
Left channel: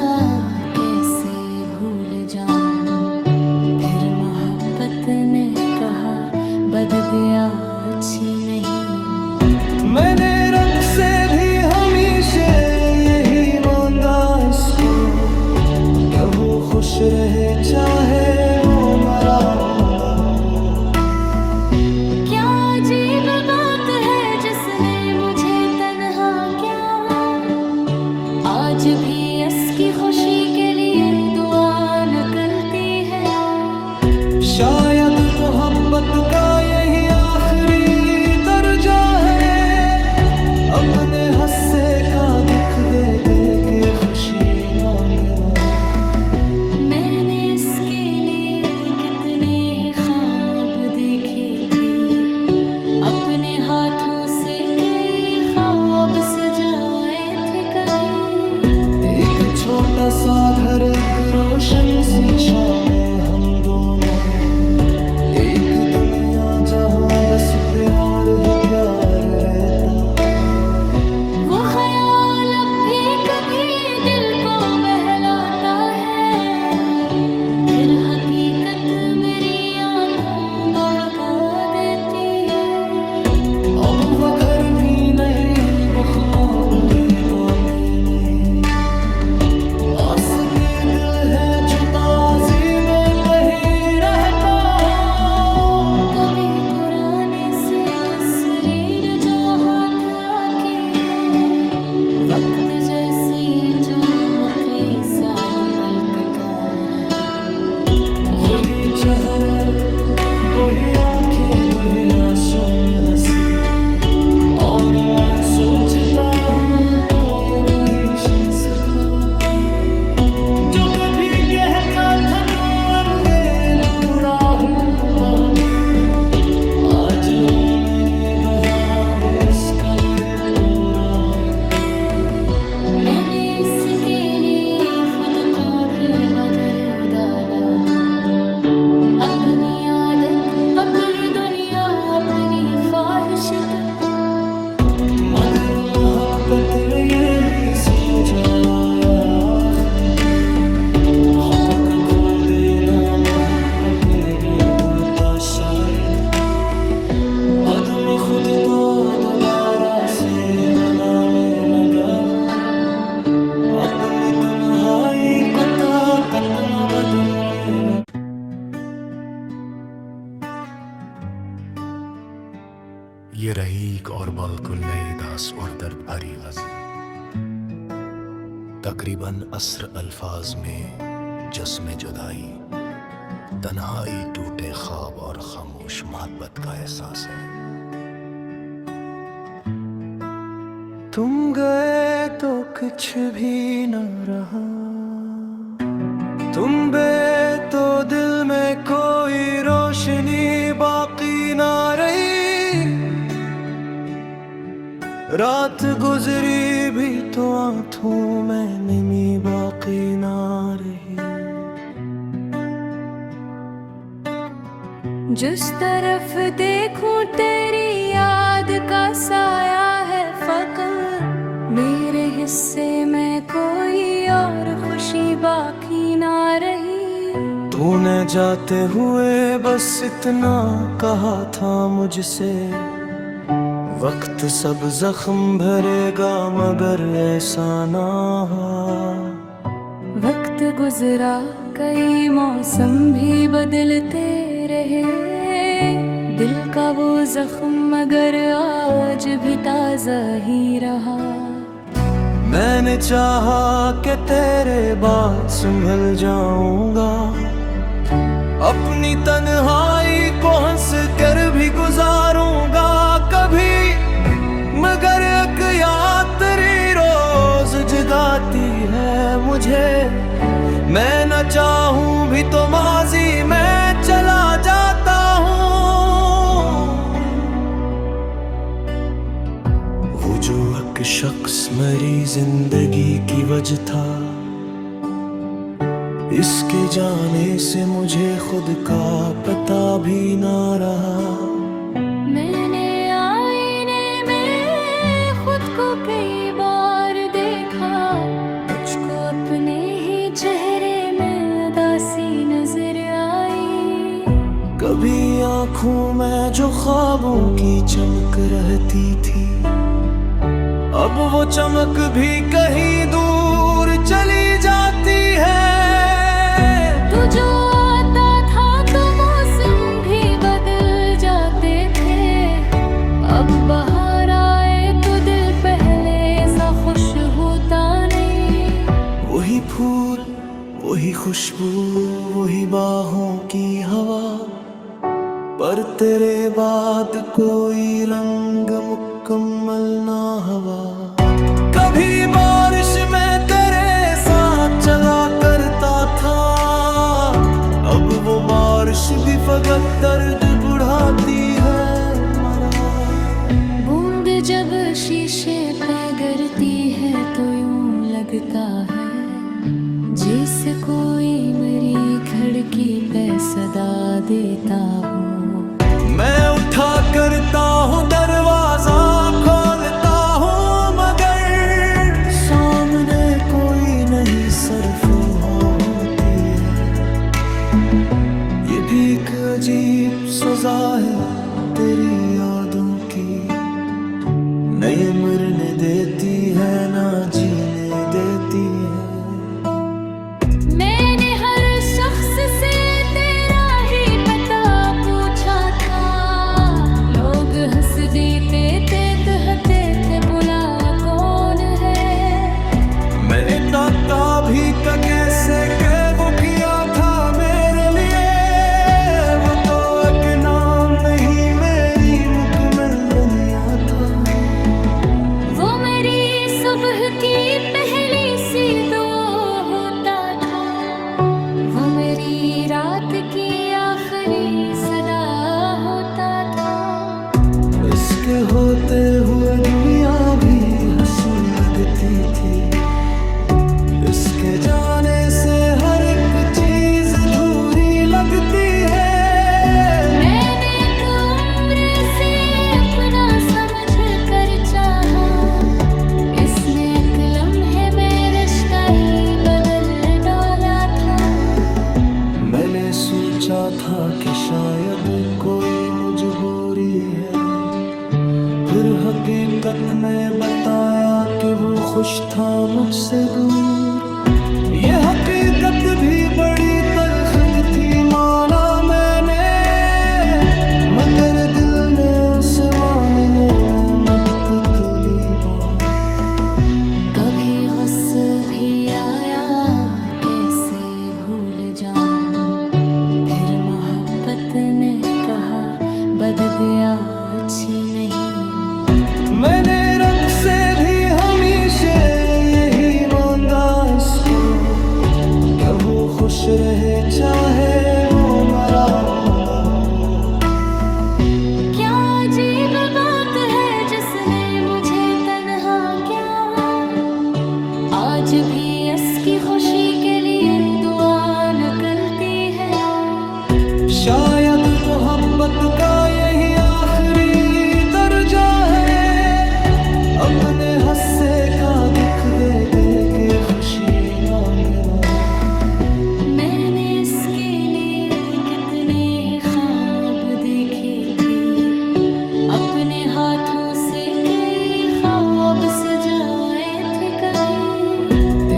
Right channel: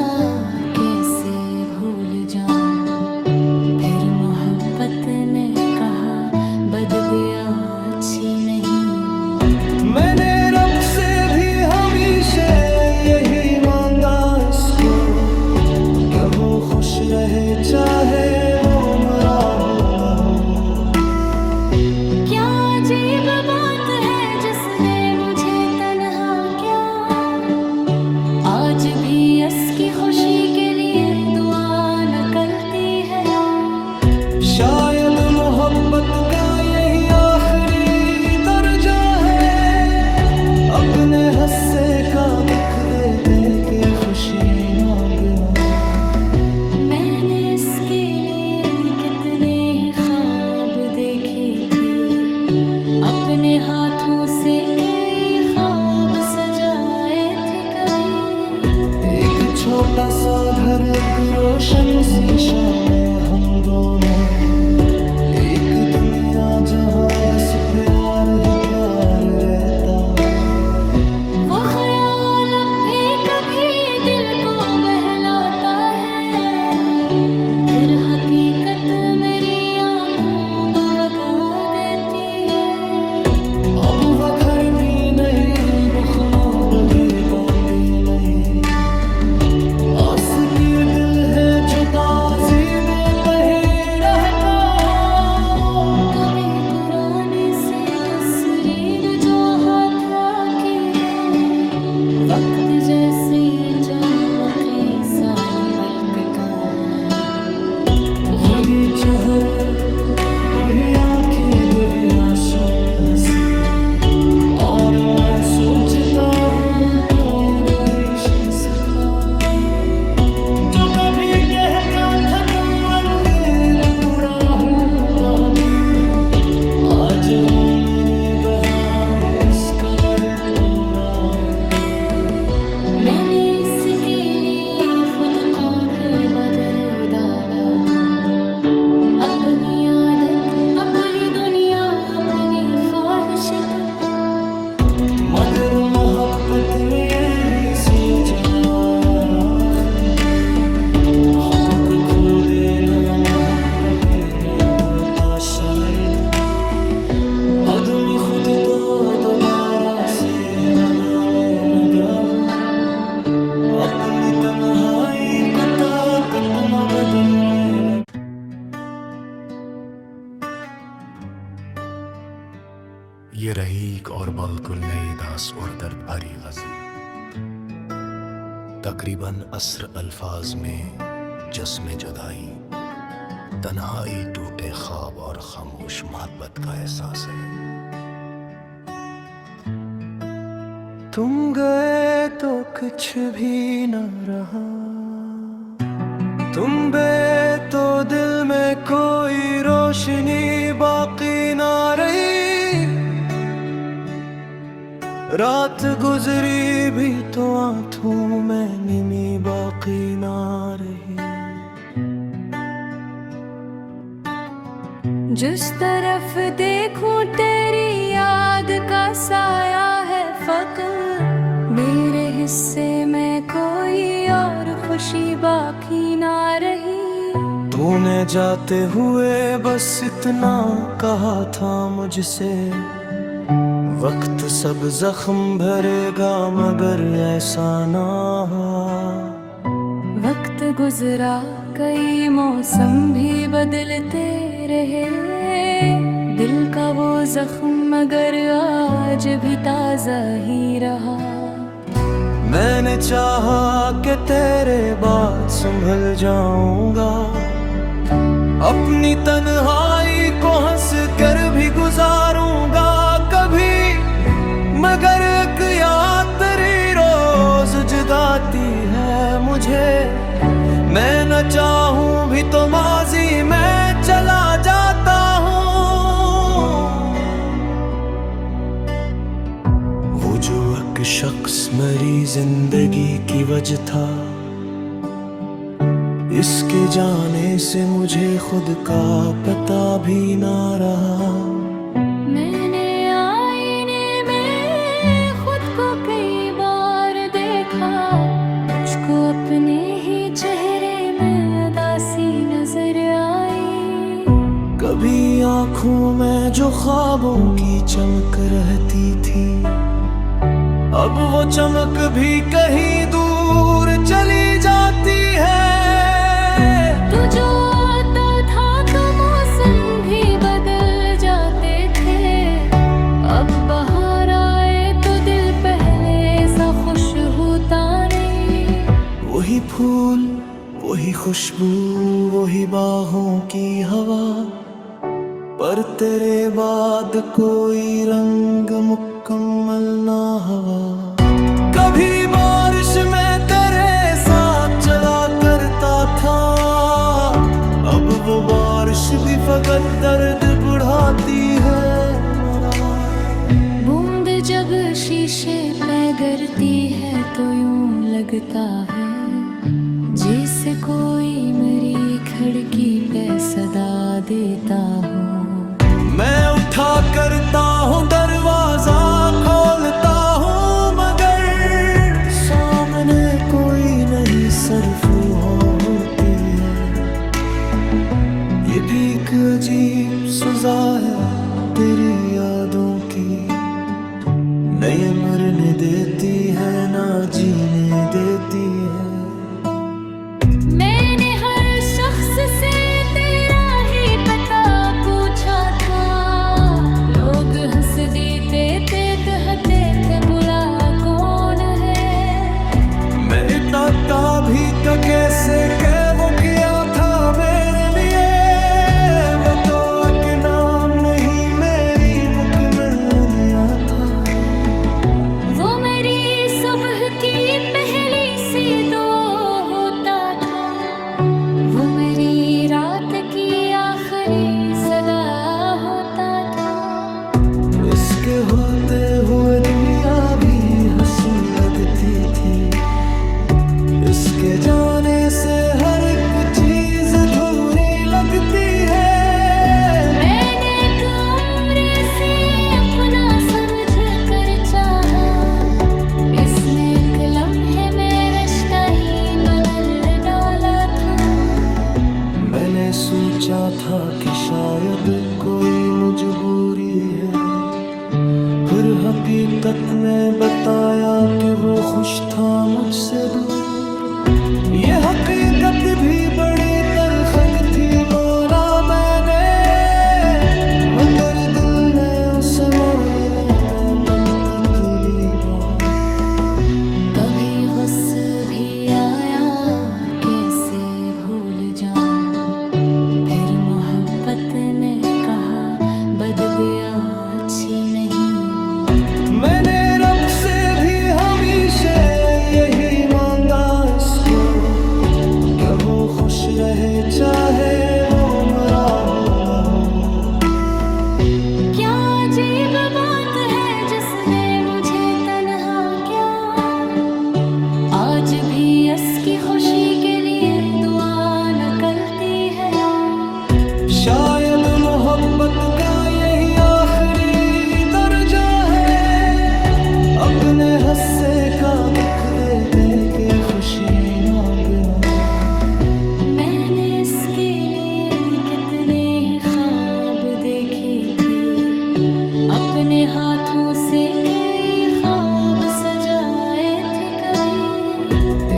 कैसे भूल जाऊं, फिर मोहब्बत ने कहा बददुआ अच्छी नहीं। मैंने रब से भी हमेशा यही मांगा इसको, कि वो खुश रहे चाहे वो मरा हो न हो। क्या अजीब बात है जिसने मुझे तन्हा क्या, आज भी इसकी खुशी के लिए दुआ निकलती है। शायद मोहब्बत का यही आखिरी दर्जा है, अपने हस्से का दुख दे दे के खुशी मांगना। मैंने इसके लिए कितने ही ख्वाब देखे थे, अपने हाथों से कई ख्वाब सजाए थे कभी। एक छोटा सा घर, एक रोशन सी शामें हम दोनों, एक दुनिया जहां बस प्यार ही प्यार रहता। वो ख्याल अब भी कभी दिल को बहलाता है, फिर हकीकत मेरी आंखों को बगा देती है। अब वो घर भी नहीं, वो ख्वाब भी बातें नहीं, आस के दिल है जो ताज़ी में कहीं रहता हो। कभी पुरानी सी तस्वीर जो हाथ आती है, वक्त जैसी चमकरी साल पलकता है। वही चेहरे, वही आंखें, वही आंसू में हंसी, और मैं सोचता हूँ कोई वही शख्स था जो कभी कहता था तुम अलगे दूरा हूँ बहती। आज वो मेरे बहार किस कमर तोड़ा है। मैंने इसके लिए खुद को भी बदल डाला, अपनी आदत, अपनी दुनिया, अपनी ख्वाहिश तो। मगर मोहब्बत में ये भी सोचाया आखिर, हक़ खो देना मोहब्बत में नहीं होता शायद। अदम खुद को दोबारा से बनाने लगा हूँ, अपनी तन्हाई को ताकत न बदलने लगा। ये रही एक और बिल्कुल नई दास और दर्द भरी गज़ल, तकरीबन अस्र अल्फाज में जस्म जुदाई, तन्हाई, टूटे ख्वाब और खामोश मोहब्बत का एहसास है। तुम गए तो कुछ भी न रहा, तुम बे तो दिल में कोई रोशनी बाकी ना रही। रात गुजरी भी तो आंखों में निमी बाकी ना रही। जिस तरफ देखूं तेरी याद का साया है फकत, मेरे हिस्से में कोई और खुशी बाकी ना रही। तूने जाते हुए बस इतना कहा था मुझसे, वक्त सब जख्म भरेगा मगर ऐसा ना हुआ। वक्त गुजरा, कई मौसम भी बदलते रहे, दिल का वो जख्म मगर आज भी ताज़ा ही रहा। मैंने चाहा कि तेरे बाद संभल जाऊंगा, अपनी तन्हाई को हंस कर भी गुजारूंगा कभी, मगर एक याद तेरी रोज जगाती है मुझे। मैं न चाहूं भी तो माजी में चला जाता हूँ। वो जो एक शख्स मेरी जिंदगी की वजह था, इसके जाने से मुझे खुद का पता भी ना रहा। मैंने आईने में खुद को कई बार देखा, मुझको अपने ही चेहरे में उदासी नजर आई। कभी आँखों में जो ख्वाबों की चमक रहती थी, अब वो चमक भी कहीं दूर चली जाती है। तू जो आता था तो मौसम भी बदल जाते थे, अब बाहर आए तो दिल पहले सा खुश होता नहीं। वही फूल, वही खुशबू, वही बाहों की हवा, पर तेरे बाद कोई रंग मुकम्मल ना हवा। कभी बारिश में तेरे साथ चला करता था, अब वो बारिश भी फकत दर्द बढ़ाती है मरा। बूंद जब शीशे पे गिरती है तो यूं लगता है जैसे कोई मेरी खिड़की पे सदा देता हो। मैं उठा करता हूँ दरवाजा खोलता हूँ मगर सामने कोई नहीं, सिर्फ होती है। ये भी एक अजीब सजा है तेरी यादों की, नए मरने देती है ना जीने देती है। मैंने हर शख्स से तेरा ही पता पूछा था, लोग हंस देते थे कहते थे बुला कौन है। मैं इताता भी तो कैसे के वो किया था मेरे लिए, वो तो एक नाम नहीं मेरी मुकम्मल दुनिया था। वो मेरी सुबह की पहली सी दुआ होता था, वो मेरी रात की आखिरी सदा होता था। इसके होते हुए दुनिया भी हंसी लगती थी, इसके जाने से हर एक चीज अधूरी लगती है। मैंने एक उम्र से अपना समझ कर चाहा, इसने एक लम्हे में रिश्ता ही बदल डाला था। मैंने सोचा था कि शायद कोई मजबूरी है, फिर हकीकत में बताया कि वो खुश था मुझसे दूर। ये हकीकत भी बड़ी तल्ख थी माना मैंने, मगर दिल ने उसे मानने में मुद्दत ली बहुत। कभी गुस्सा भी आया कैसे भूल जाऊं, फिर मोहब्बत ने कहा बददुआ अच्छी नहीं। मैंने रब से भी हमेशा यही मांगा इसको, कि वो खुश रहे चाहे वो मरा हो न हो। क्या अजीब बात है जिसने मुझे तन्हा क्या, आज भी इसकी खुशी के लिए दुआ निकलती है। शायद मोहब्बत का यही आखिरी दर्जा है, अपने हस्से का दुख दे दे के खुशी मांगना। मैंने इसके लिए कितने ही ख्वाब देखे थे, अपने हाथों से कई ख्वाब सजाए थे। कभी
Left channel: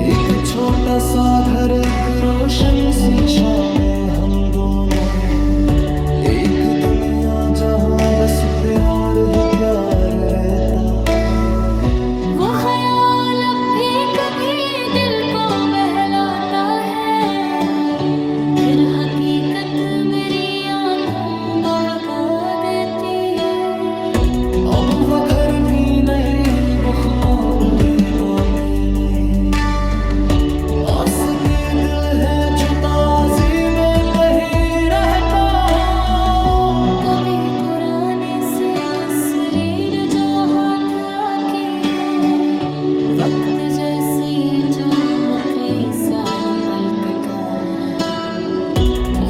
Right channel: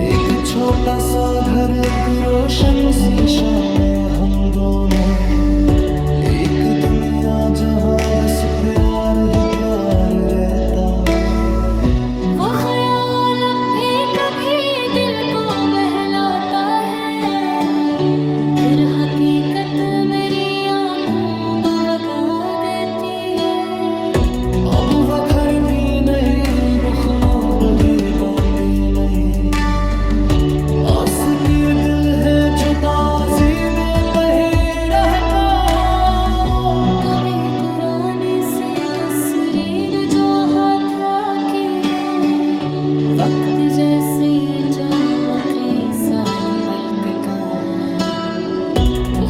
एक छोटा सा घर, एक रोशन सी शाम में हम दोनों, एक दुनिया जहां बस प्यार ही प्यार रहता। वो ख्याल अब भी कभी दिल को बहलाता है, फिर हकीकत मेरी आंखों को बगा देती है। अब वो घर भी नहीं, वो ख्वाब भी बातें नहीं, आस के दिल है जो बाजी में कहीं रहता हो। कभी पुराने से तस्वीर जो हाथ आती है, वक्त जैसी चमकती साल पलक का है।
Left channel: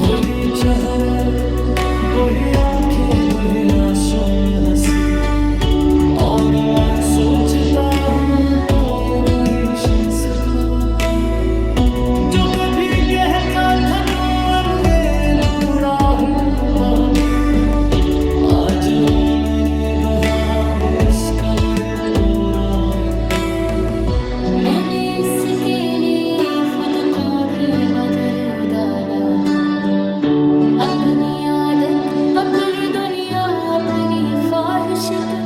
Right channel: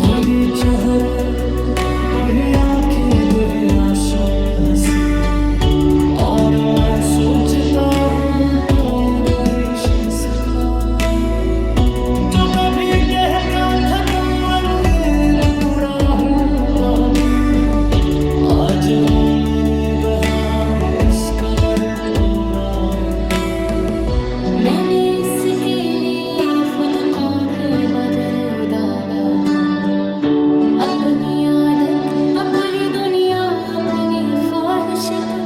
खुद ही चेहरे वही आंखें वही आंसू में हंसी, और मैं सोचता हूँ कोई वही शीश था जो कभी कहता था तुम अलगे दूरा हूँ बहती। आज वो मेरे बहार किस कदर पूरा है। मैंने इसके लिए खुद को भी बदल डाला, अपनी आदत अपनी दुनिया अपनी ख्वाहिश तो।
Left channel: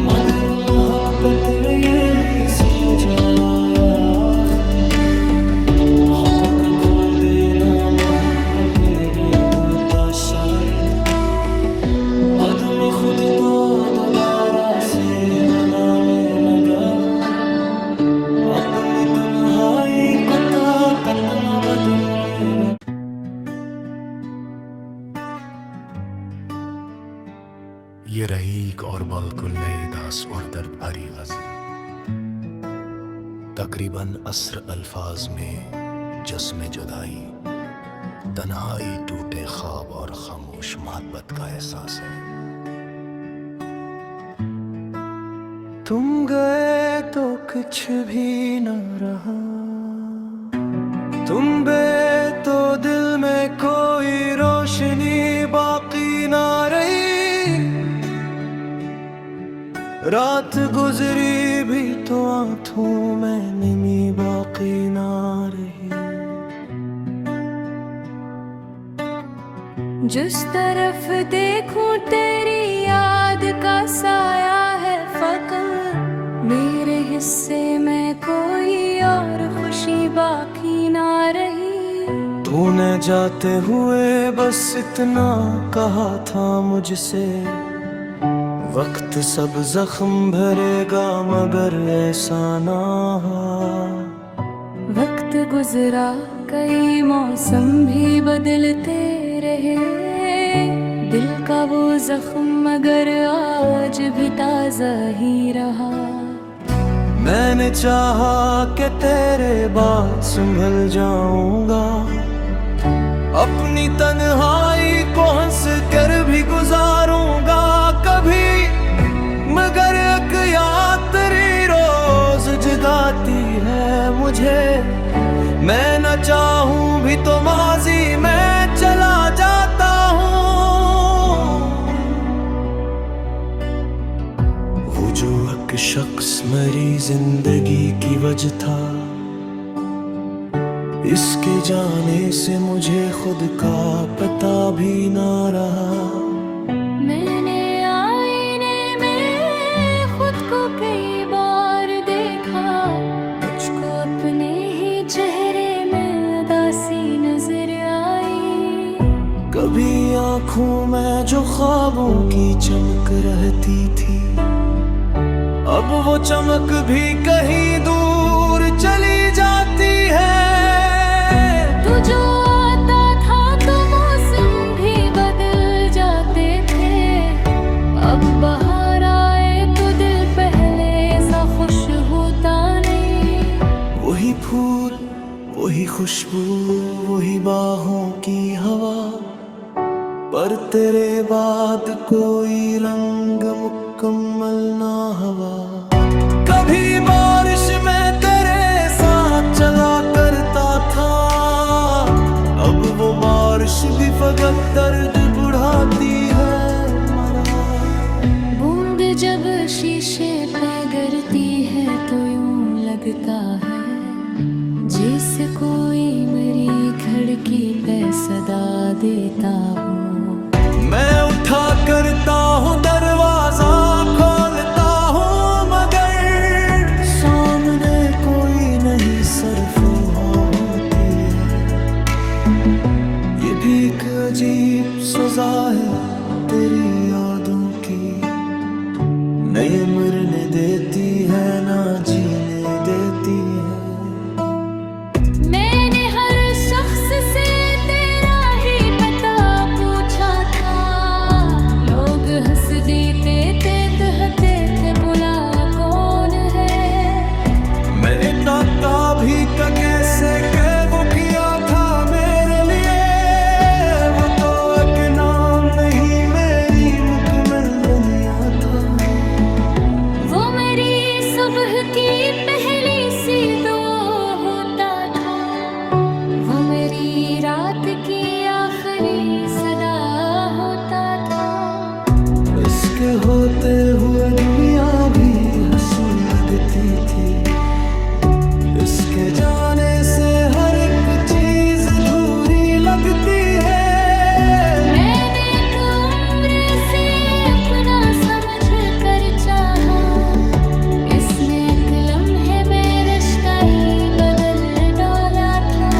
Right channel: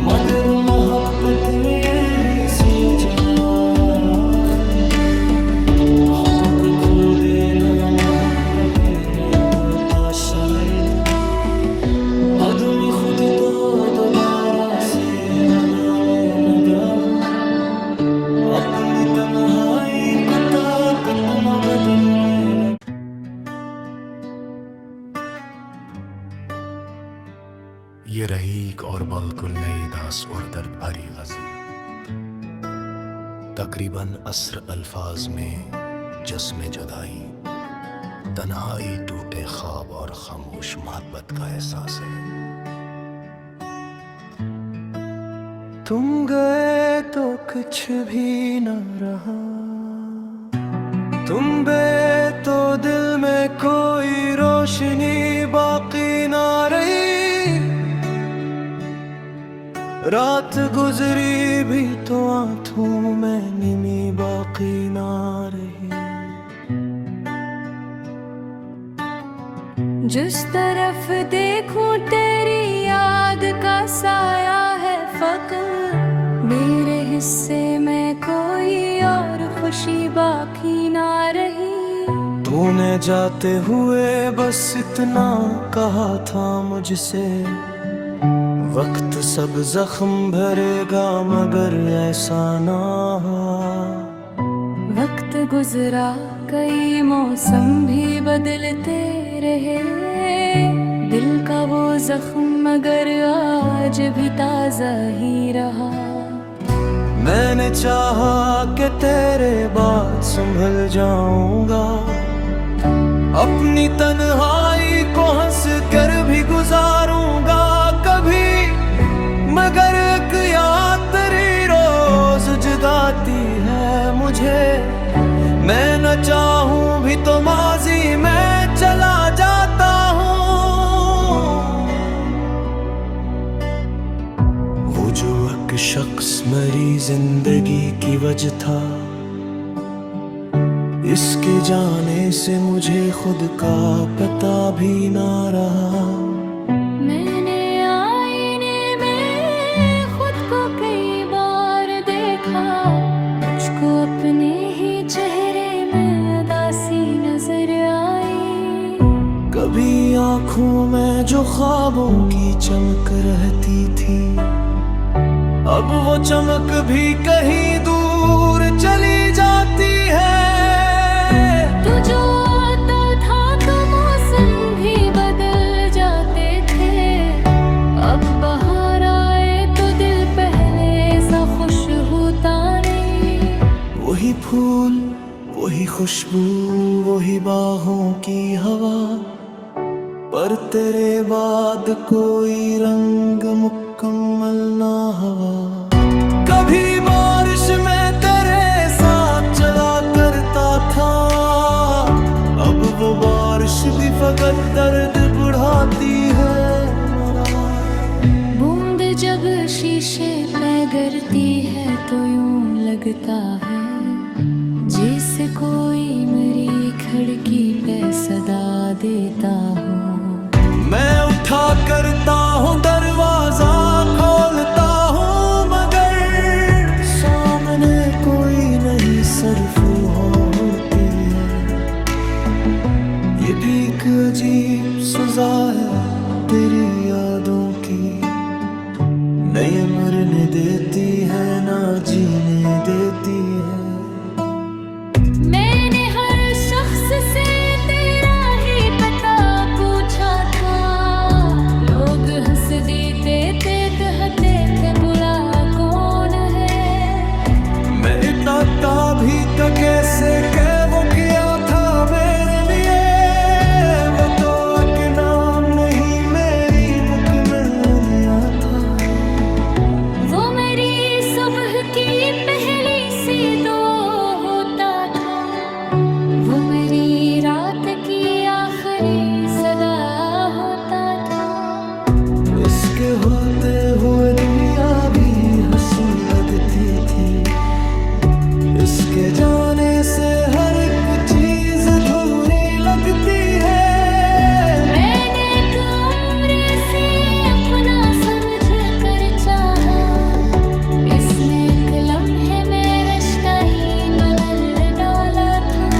मगर मोहब्बत में ये भी सोचा आया आखिर, हक खो देना मोहब्बत में होता शायद। आदमी खुद को दोबारा से बनाने लगा हूँ, अपनी तन्हाई को ताकत न बदलने लगा। ये रहीक और बिल्कुल नई दास और दर्द भरी गज़ल, तकरीबन अस्र अल्फाज में जस्म जुदाई, तन्हाई, टूटे ख्वाब और खामोश मोहब्बत का एहसास है। तुम गए तो कुछ भी न रहा, तुम बे तो दिल में कोई रोशनी बाकी ना रही। रात गुजरी भी तो आंखों में निमी बाकी ना रही। जिस तरफ देखूं तेरी याद का साया है फकत, मेरे हिस्से में कोई और खुशी बाकी ना रही। तूने जाते हुए बस इतना कहा था मुझसे, वक्त सब जख्म भरेगा मगर ऐसा ना हुआ। वक्त गुजरा, कई मौसम भी बदलते रहे, दिल का वो जख्म मगर आज भी ताजा ही रहा। मैंने चाहा कि तेरे बाद संभल जाऊंगा, अपनी तन्हाई को हंस कर भी गुजारूंगा कभी, मगर एक याद तेरी रोज जगाती है मुझे। मैं न चाहूं भी तो माजी में चला जाता हूँ। वो जो एक शख्स मेरी जिंदगी की वजह था, इसके जाने से मुझे खुद का पता भी ना रहा। मैंने आईने में खुद को कई बार देखा, मुझको अपने ही चेहरे में उदासी नजर आई। कभी आँखों में जो ख्वाबों की चमक रहती थी, अब वो चमक भी कहीं दूर चली जाती है। तू जो आता था तो मौसम भी बदल जाते थे, अब बाहर आए तो दिल पहले सा खुश होता नहीं। वही फूल, वही खुशबू, वही बाहों की हवा, पर तेरे बाद कोई रंग मुकम्मल ना हवा। कभी बारिश में तेरे साथ चला करता था, अब वो बारिश भी फकत दर्द बढ़ाती है मरा। बूंद जब शीशे पे गिरती है तो यूं लगता है जैसे कोई मेरी खिड़की पे सदा देता हूँ। मैं उठा करता हूँ दरवाजा खोलता हूँ, मगर सामने कोई नहीं सरफ होती है। ये भी एक अजीब सजा है तेरी यादों की, नई मरने देती है ना जीने देती है। मैंने हर शख्स से तेरा ही पता पूछा था, लोग हंस देते थे, कहते थे बुला कौन है। मैं इताता भी का कैसे के वो किया था मेरे लिए, वो तो एक नाम नहीं मेरी मुकम्मल दुनिया था। वो मेरी सुबह की पहली सी दो होता था, वो मेरी रात की आखिरी सदा होता था। इसके होते हुए दुनिया भी हंसी लगती थी, इसके जाने से हर एक चीज अधूरी लगती है। मैंने एक उम्र से अपना समझ कर चाहा, इसने एक लम्हे में रिश्ता ही बदल डाला था।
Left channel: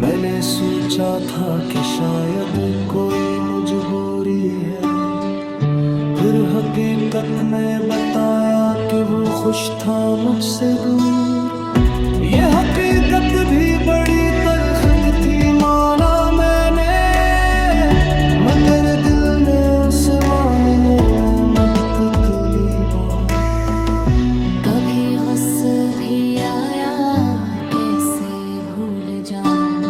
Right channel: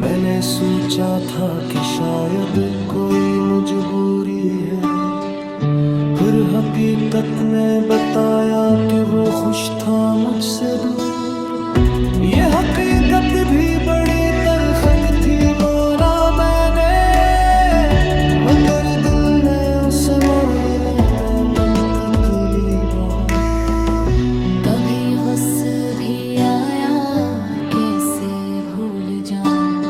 मैंने सोचा था कि शायद कोई मजबूरी है, फिर हकीकत ने बताया कि वो खुश था मुझसे दूर। ये हकीकत भी बड़ी तल्ख थी माना मैंने, मगर दिल ने उसे मानने तितली वहाँ। कभी गुस्सा भी आया कैसे भूल जाऊं,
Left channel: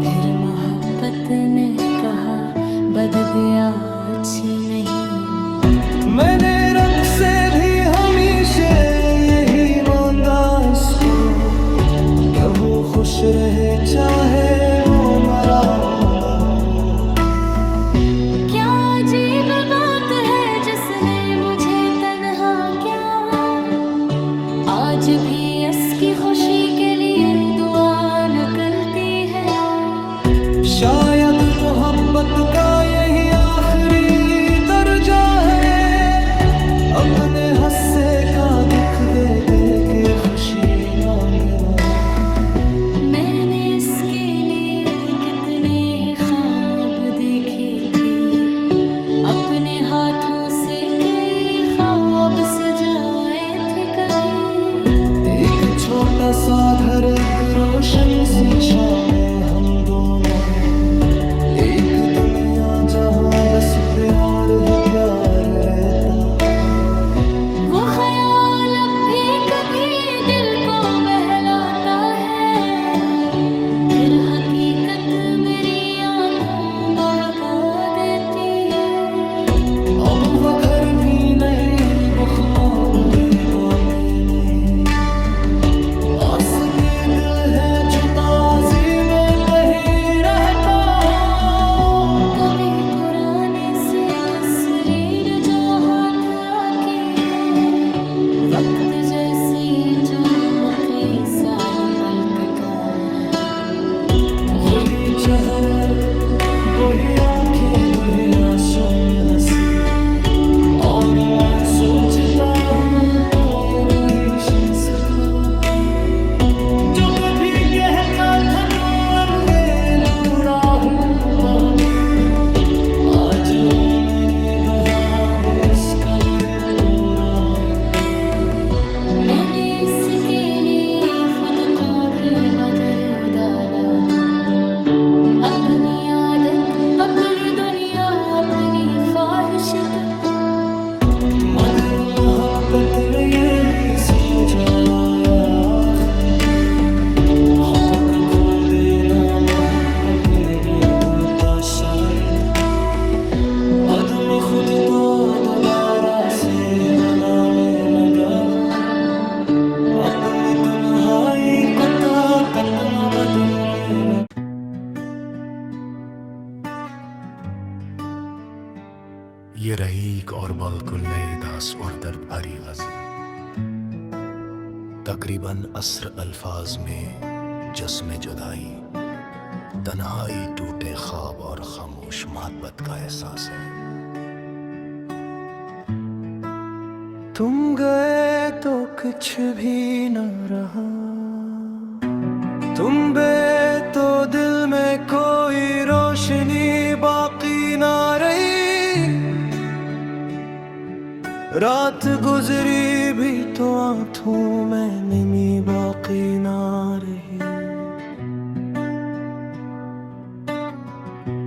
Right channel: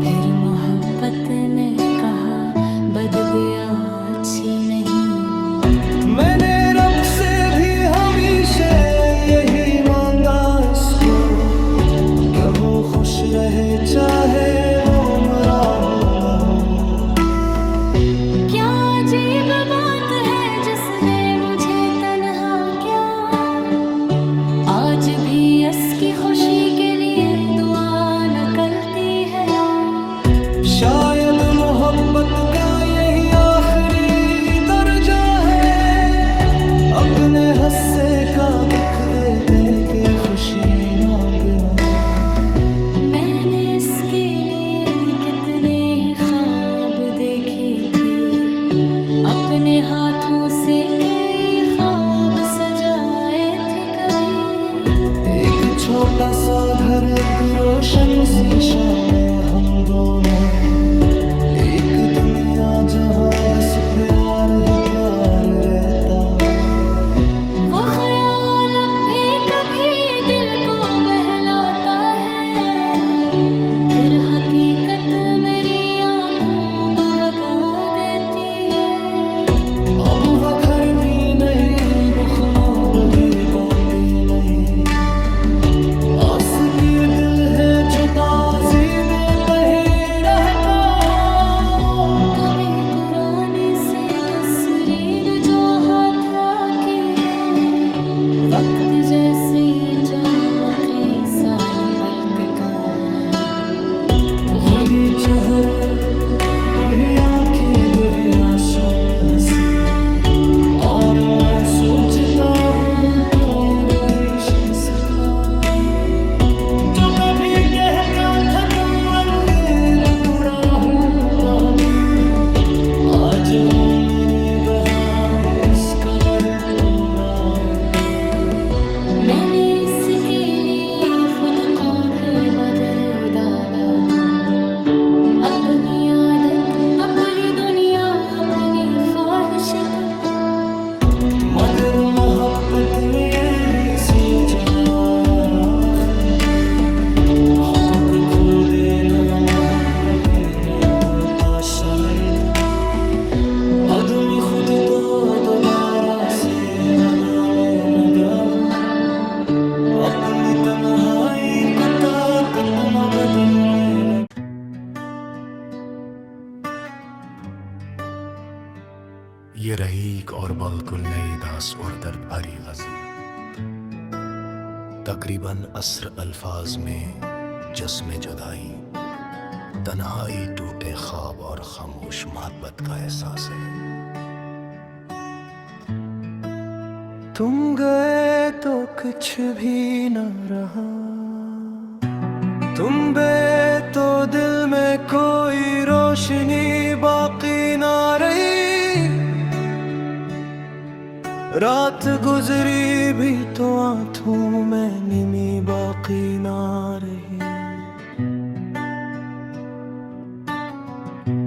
फिर मोहब्बत ने कहा बद गया अच्छी नहीं। मैंने रब से भी हमेशा यही मांगा इसको, कि वो खुश रहे चाहे वो मरा हो न हो। क्या अजीब बात है जिसने मुझे तन्हा क्या, आज भी इसकी खुशी के लिए दुआ निकलती है। शायद मोहब्बत का यही आखिरी दर्जा है, अपने हस्से का दुख दे दे के खुशी मांगना। मैंने इसके लिए कितने ही ख्वाब देखे थे, अपने हाथों से कई ख्वाब सजाए थे। कभी एक छोटा सा घर एक रोशन सी शाम में हम दोनों, एक दुनिया जहां बस प्यार ही प्यार रहता। वो ख्याल अब भी कभी दिल को बहलाता है, फिर हकीकत मेरी आंखों को बगा देती है। अब वो घर भी नहीं, वो ख्वाब भी बातें नहीं, आस के दिल है जो ताज़ी में कहीं रहता हो। कभी पुराने से तस्वीर जो हाथ आती है, वक्त जैसी चमकती साल पलटता है। खुदी चेहरे वही आंखें वही आंसू में हंसी, और मैं सोचता हूँ कोई वही शख्स था जो कभी कहता था तुम अलगे दूरा हूँ बहुत ही। आज वो मेरे बहार किस कदर तोड़ा है। मैंने इसके लिए खुद को भी बदल डाला, अपनी आदत अपनी दुनिया अपनी ख्वाहिश। तो मगर मोहब्बत में ये भी सूझ आया आखिर, हक़ खो देना मोहब्बत में होता शायद। आदमी खुद को दोबारा से बनाने लगा हूँ, अपनी तन्हाई को ताकत न बदलने लगा। ये रहीक और बिल्कुल नई दास और दर्द भरी गज़ल, तकरीबन अस्र अल्फाज में जिस्म जुदाई, तन्हाई टूटे ख्वाब और खामोश मोहब्बत का एहसास है। तुम गए तो कुछ भी न रहा, तुम बे तो दिल में कोई रोशनी बाकी ना रही। रात गुजरी भी तो आंखों में निमी बाकी ना रही।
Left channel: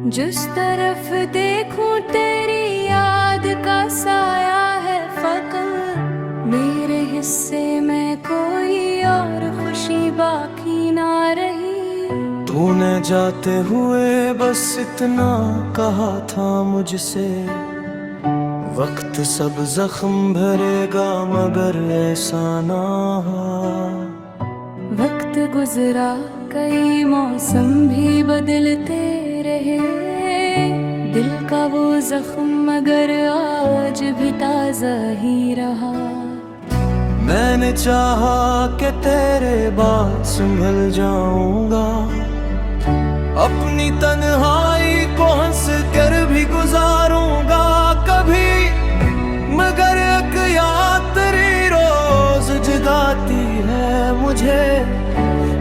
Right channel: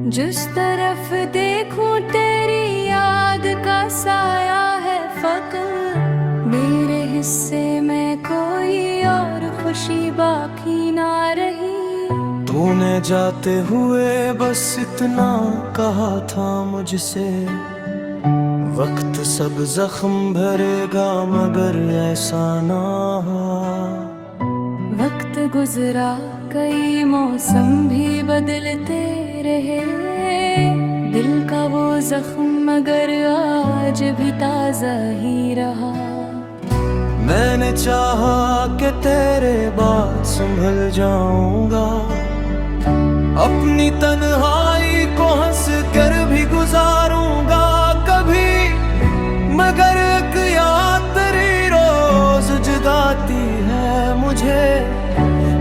जिस तरफ देखूं तेरी याद का साया है फकत, मेरे हिस्से में कोई और खुशी बाकी ना रही। तूने जाते हुए बस इतना कहा था मुझसे, वक्त सब जख्म भरेगा मगर ऐसा ना हुआ। वक्त गुजरा कई मौसम भी बदलते रहे, दिल का वो जख्म मगर आज भी ताज़ा ही रहा। मैंने चाहा कि तेरे बाद संभल जाऊंगा, अपनी तन्हाई को हंस कर भी गुजारूंगा कभी। मगर एक याद तेरी रोज जगाती है मुझे,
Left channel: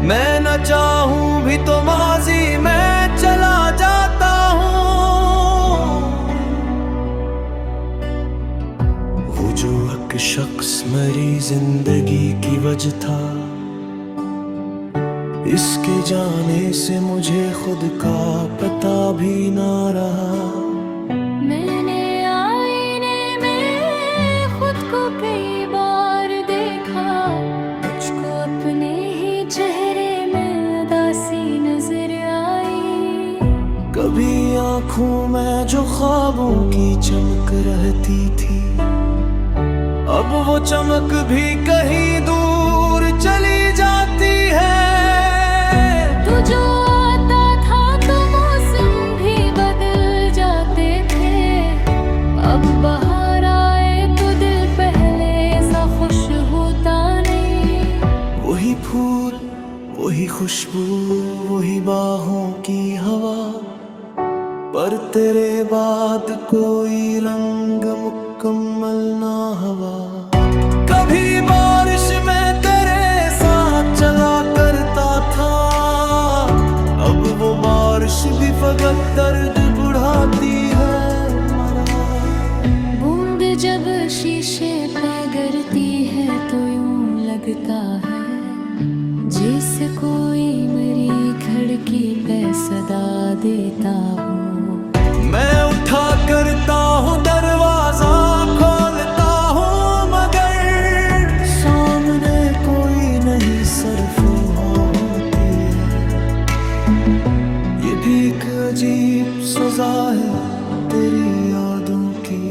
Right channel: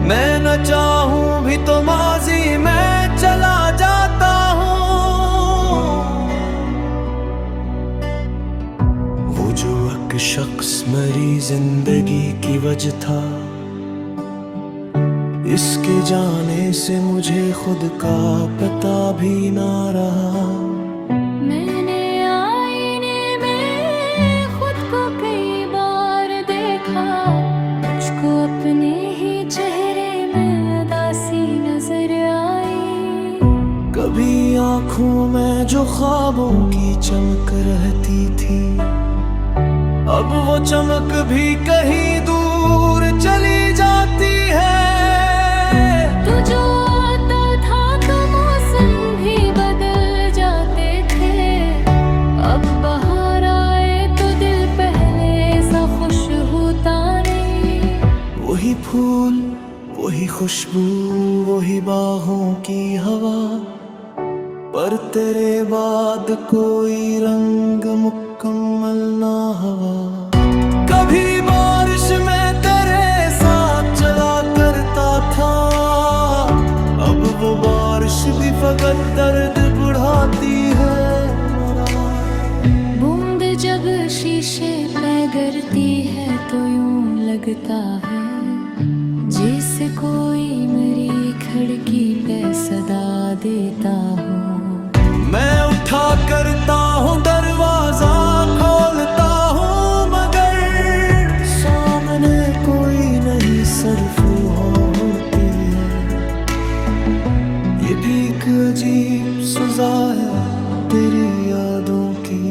मैं न चाहूं भी तो माजी में चला जाता हूँ। वो जो एक शख्स मेरी जिंदगी की वजह था, इसके जाने से मुझे खुद का पता भी ना रहा। मैंने आईने में अपने ही चेहरे में उदासी नजर आई। कभी आंखों में जो ख्वाबों की चमक रहती थी, अब वो चमक भी कहीं दूर चली जाती है। तू जो आता था तो मौसम भी बदल जाते थे, अब बाहर आए तो दिल पहले सा खुश होता नहीं। वही फूल, वही खुशबू, वही बाहों की हवा, पर तेरे बाद कोई रंग मुकम्मल ना हवा। कभी बारिश में तेरे साथ चला करता था, अब वो बारिश भी फकत दर्द बढ़ाती है मरा। बूंद जब शीशे पे गिरती है तो यूं लगता है जैसे कोई मेरी खिड़की पे सदा देता हो। मैं उठा करता हूँ दरवाजा, खोलता हूँ मगर सामने कोई नहीं, सिर्फ वहाँ होती है। ये भी एक अजीब सजा है तेरी यादों की,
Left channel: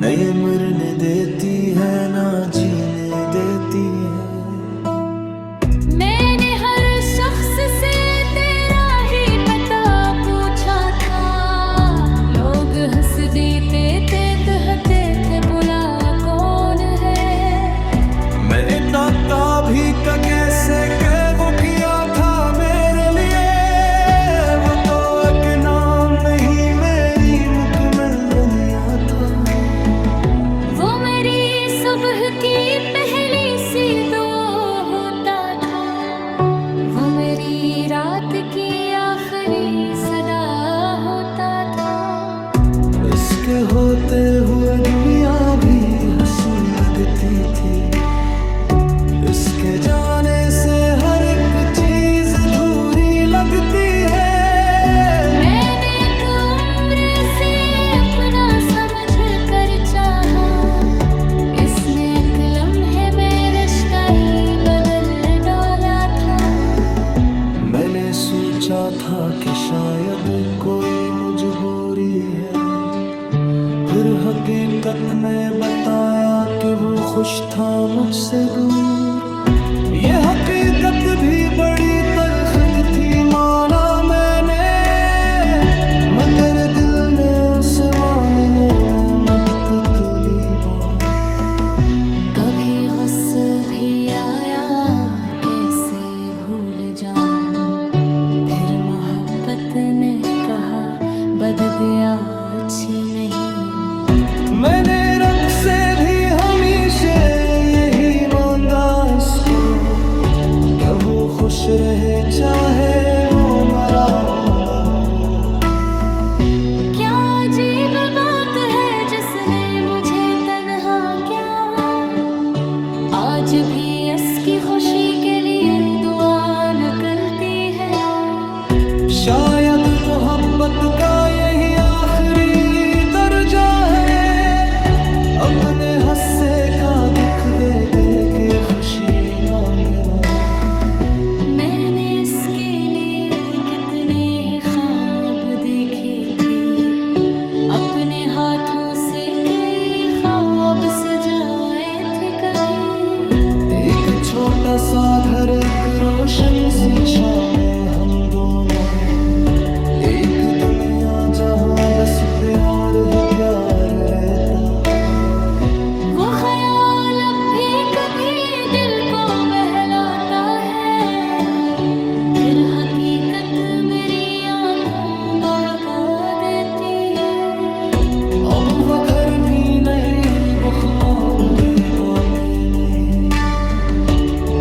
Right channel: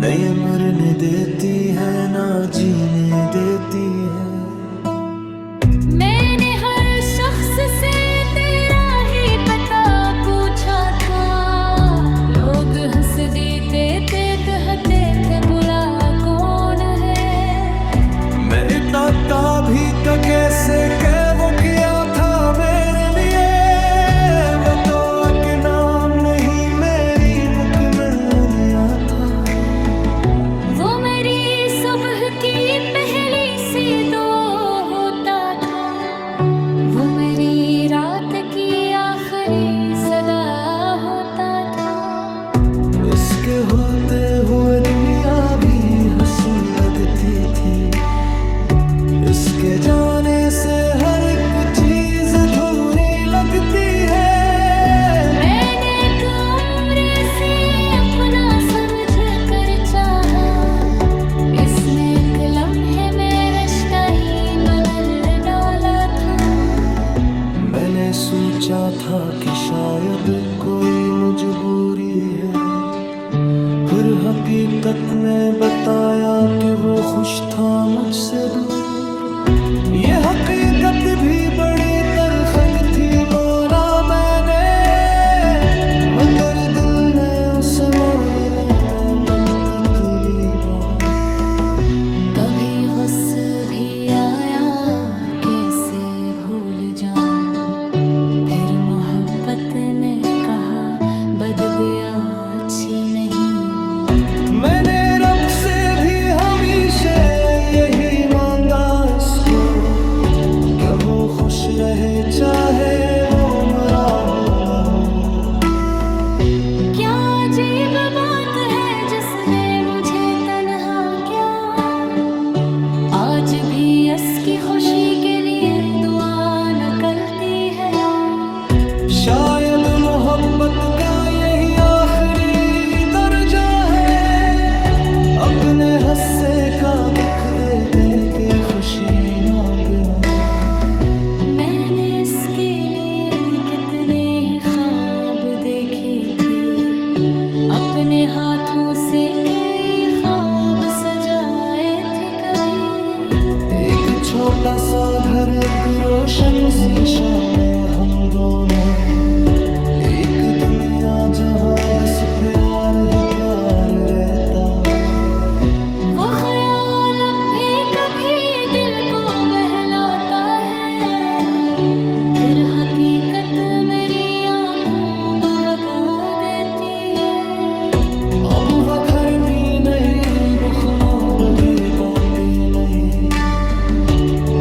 नई मरने देती है ना जीने देती है। मैंने हर शख्स से तेरा ही पता पूछा था, लोग हंस देते थे, कहते थे बुला कौन है। मैं इतना भी तो कैसे के वो किया था मेरे लिए, वो तो एक नाम नहीं मेरी मुकम्मल दुनिया था। वो मेरी सुबह की पहली सी दो होता था, वो मेरी रात की आखिरी सदा होता था। इसके होते हुए दुनिया भी हंसी लगती थी, इसके जाने से हर एक चीज अधूरी लगती है। मैंने एक उम्र से अपना समझ कर चाहा, इसने एक लम्हे में रिश्ता ही बदल डाला था। मैंने सोचा था कि शायद कोई मजबूरी है, फिर हकीकत में बताया कि वो खुश था मुझसे दूर। ये हकीकत भी बड़ी तल्ख थी माना मैंने, मगर दिल ने उसे मानने में मुद्दत ली बहुत। कभी गुस्सा भी आया कैसे भूल जाऊं, फिर मोहब्बत ने कहा बददुआ अच्छी नहीं। मैंने रब से भी हमेशा यही मांगा इसको, कि वो खुश रहे चाहे वो मरा हो न हो। क्या अजीब बात है जिसने मुझे तन्हा क्या, आज भी इसकी खुशी के लिए दुआ निकलती है। शायद मोहब्बत का यही आखिरी दर्जा है, अपने हस्से का दुख दे दे के खुशी मांगना। मैंने इसके लिए कितने ही ख्वाब देखे थे, अपने हाथों से कई ख्वाब सजाए थे। कभी एक छोटा सा घर, एक रोशन शीशा में हम दोनों, एक दुनिया जहां बस प्यार ही प्यार रहता। वो ख्याल अब भी कभी दिल को बहलाता है, फिर हकीकत मेरी आंखों को बगा देती है। अब वो घर भी नहीं, वो ख्वाब भी बातें नहीं,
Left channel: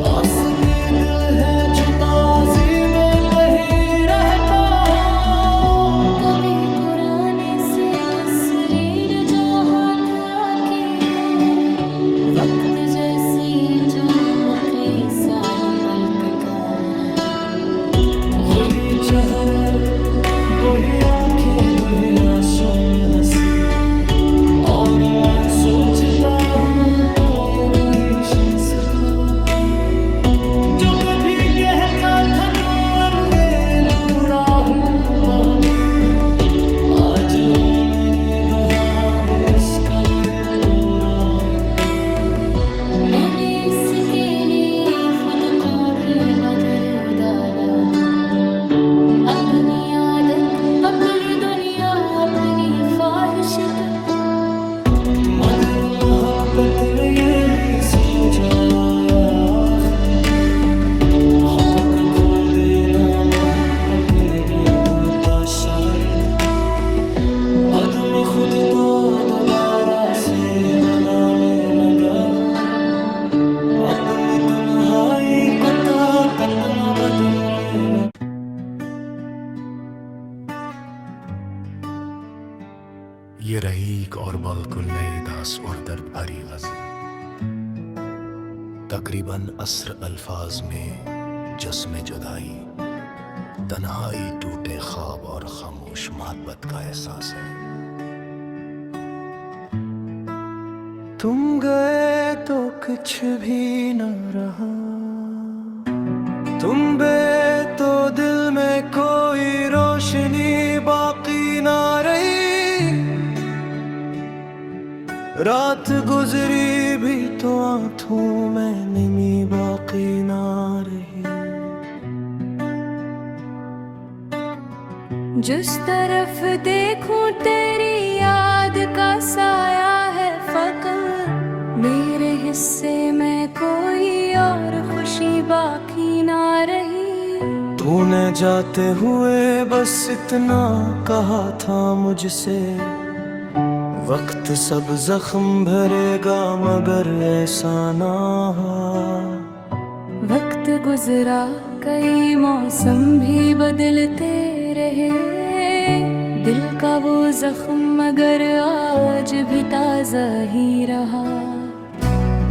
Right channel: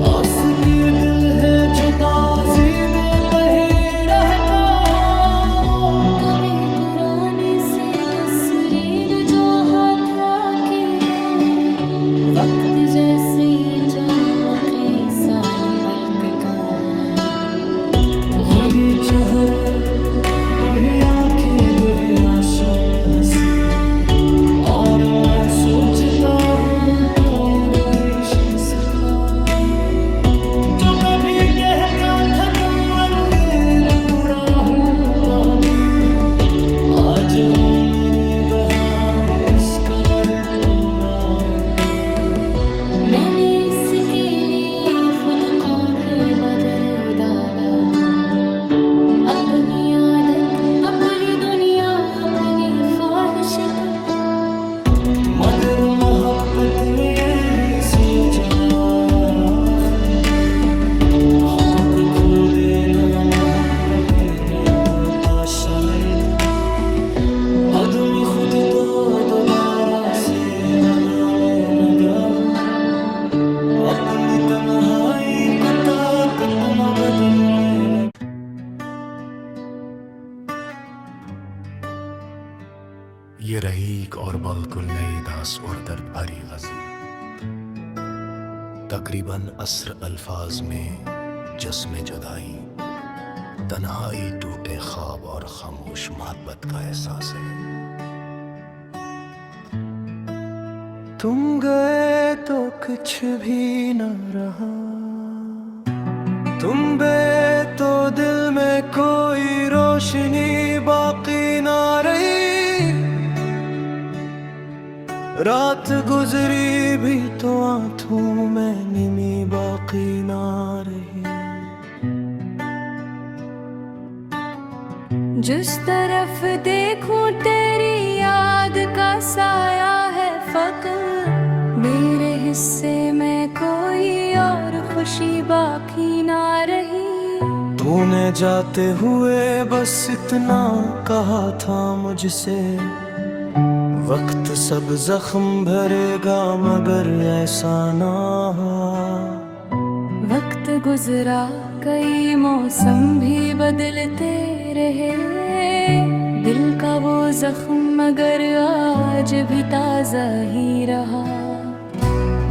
आस के दिल है जो ताज़ी में नहीं रहता हो। कभी पुराने से तस्वीर जो हाथ आती है, वक्त जैसी चमकरी साल पलक का है। खुदी चेहरे वही आंखें वही आंसू में हंसी, और मैं सोचता हूँ कोई वही शीश था। जो कभी कहता था तुम दूरा हूँ बहुत ही, आज वो मेरे बहार खुशखबर कोरा है। मैंने इसके लिए खुद को भी बदल डाला, अपनी आदत, अपनी दुनिया, अपनी ख्वाहिश तो। मगर मोहब्बत में ये भी सूझा आखिर, हक़ खो देना मोहब्बत में होता शायद। अदमी खुद को दोबारा से बनाने लगा हूँ, अपनी तन्हाई को ताकत न बदलने लगा। ये रही एक और बिल्कुल नई दास और दर्द भरी गज़ल, तकरीबन अस्र अल्फाज में जिस्म जुदाई, तन्हाई, टूटे ख्वाब और खामोश मोहब्बत का एहसास है। तुम गए तो कुछ भी न रहा, तुम बे तो दिल में कोई रोशनी बाकी ना रही। रात गुजरी भी तो आंखों में निमी बाकी ना रही। जिस तरफ देखूं तेरी याद का साया है फ़क़त, मेरे हिस्से में कोई और खुशी बाकी ना रही। तूने जाते हुए बस इतना कहा था मुझसे, वक्त सब जख्म भरेगा मगर ऐसा ना हुआ। वक्त गुजरा, कई मौसम भी बदलते रहे, दिल का वो जख्म मगर आज भी ताज़ा ही रहा।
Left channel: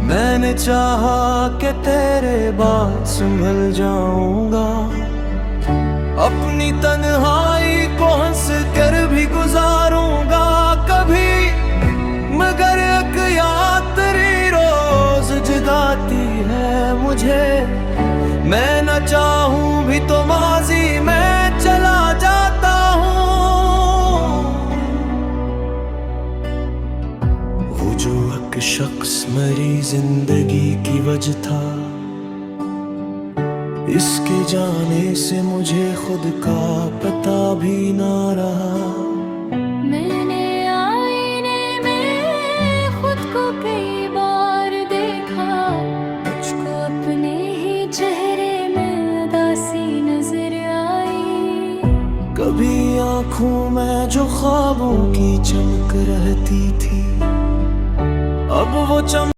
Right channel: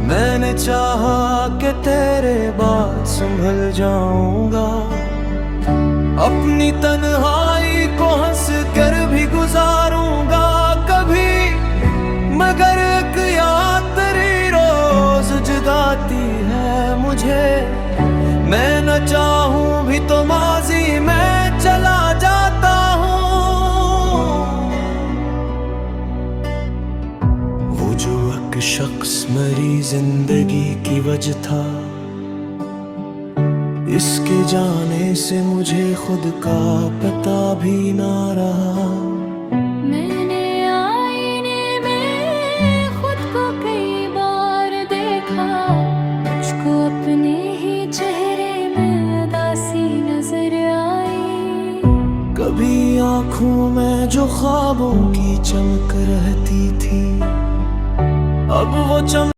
मैंने चाहा कि तेरे बाद संभल जाऊंगा, अपनी तन्हाई को हंस कर भी गुजारूंगा कभी, मगर एक याद तेरी रोज जगाती है मुझे। मैं न चाहूं भी तो माजी में चला जाता हूँ। वो जो एक शख्स मेरी जिंदगी की वजह था, इसके जाने से मुझे खुद का पता भी ना रहा। मैंने आईने में खुद को कई बार देखा, मुझको अपने ही चेहरे में उदासी नजर आई। कभी आँखों में जो ख्वाबों की चमक रहती थी, अब वो चमक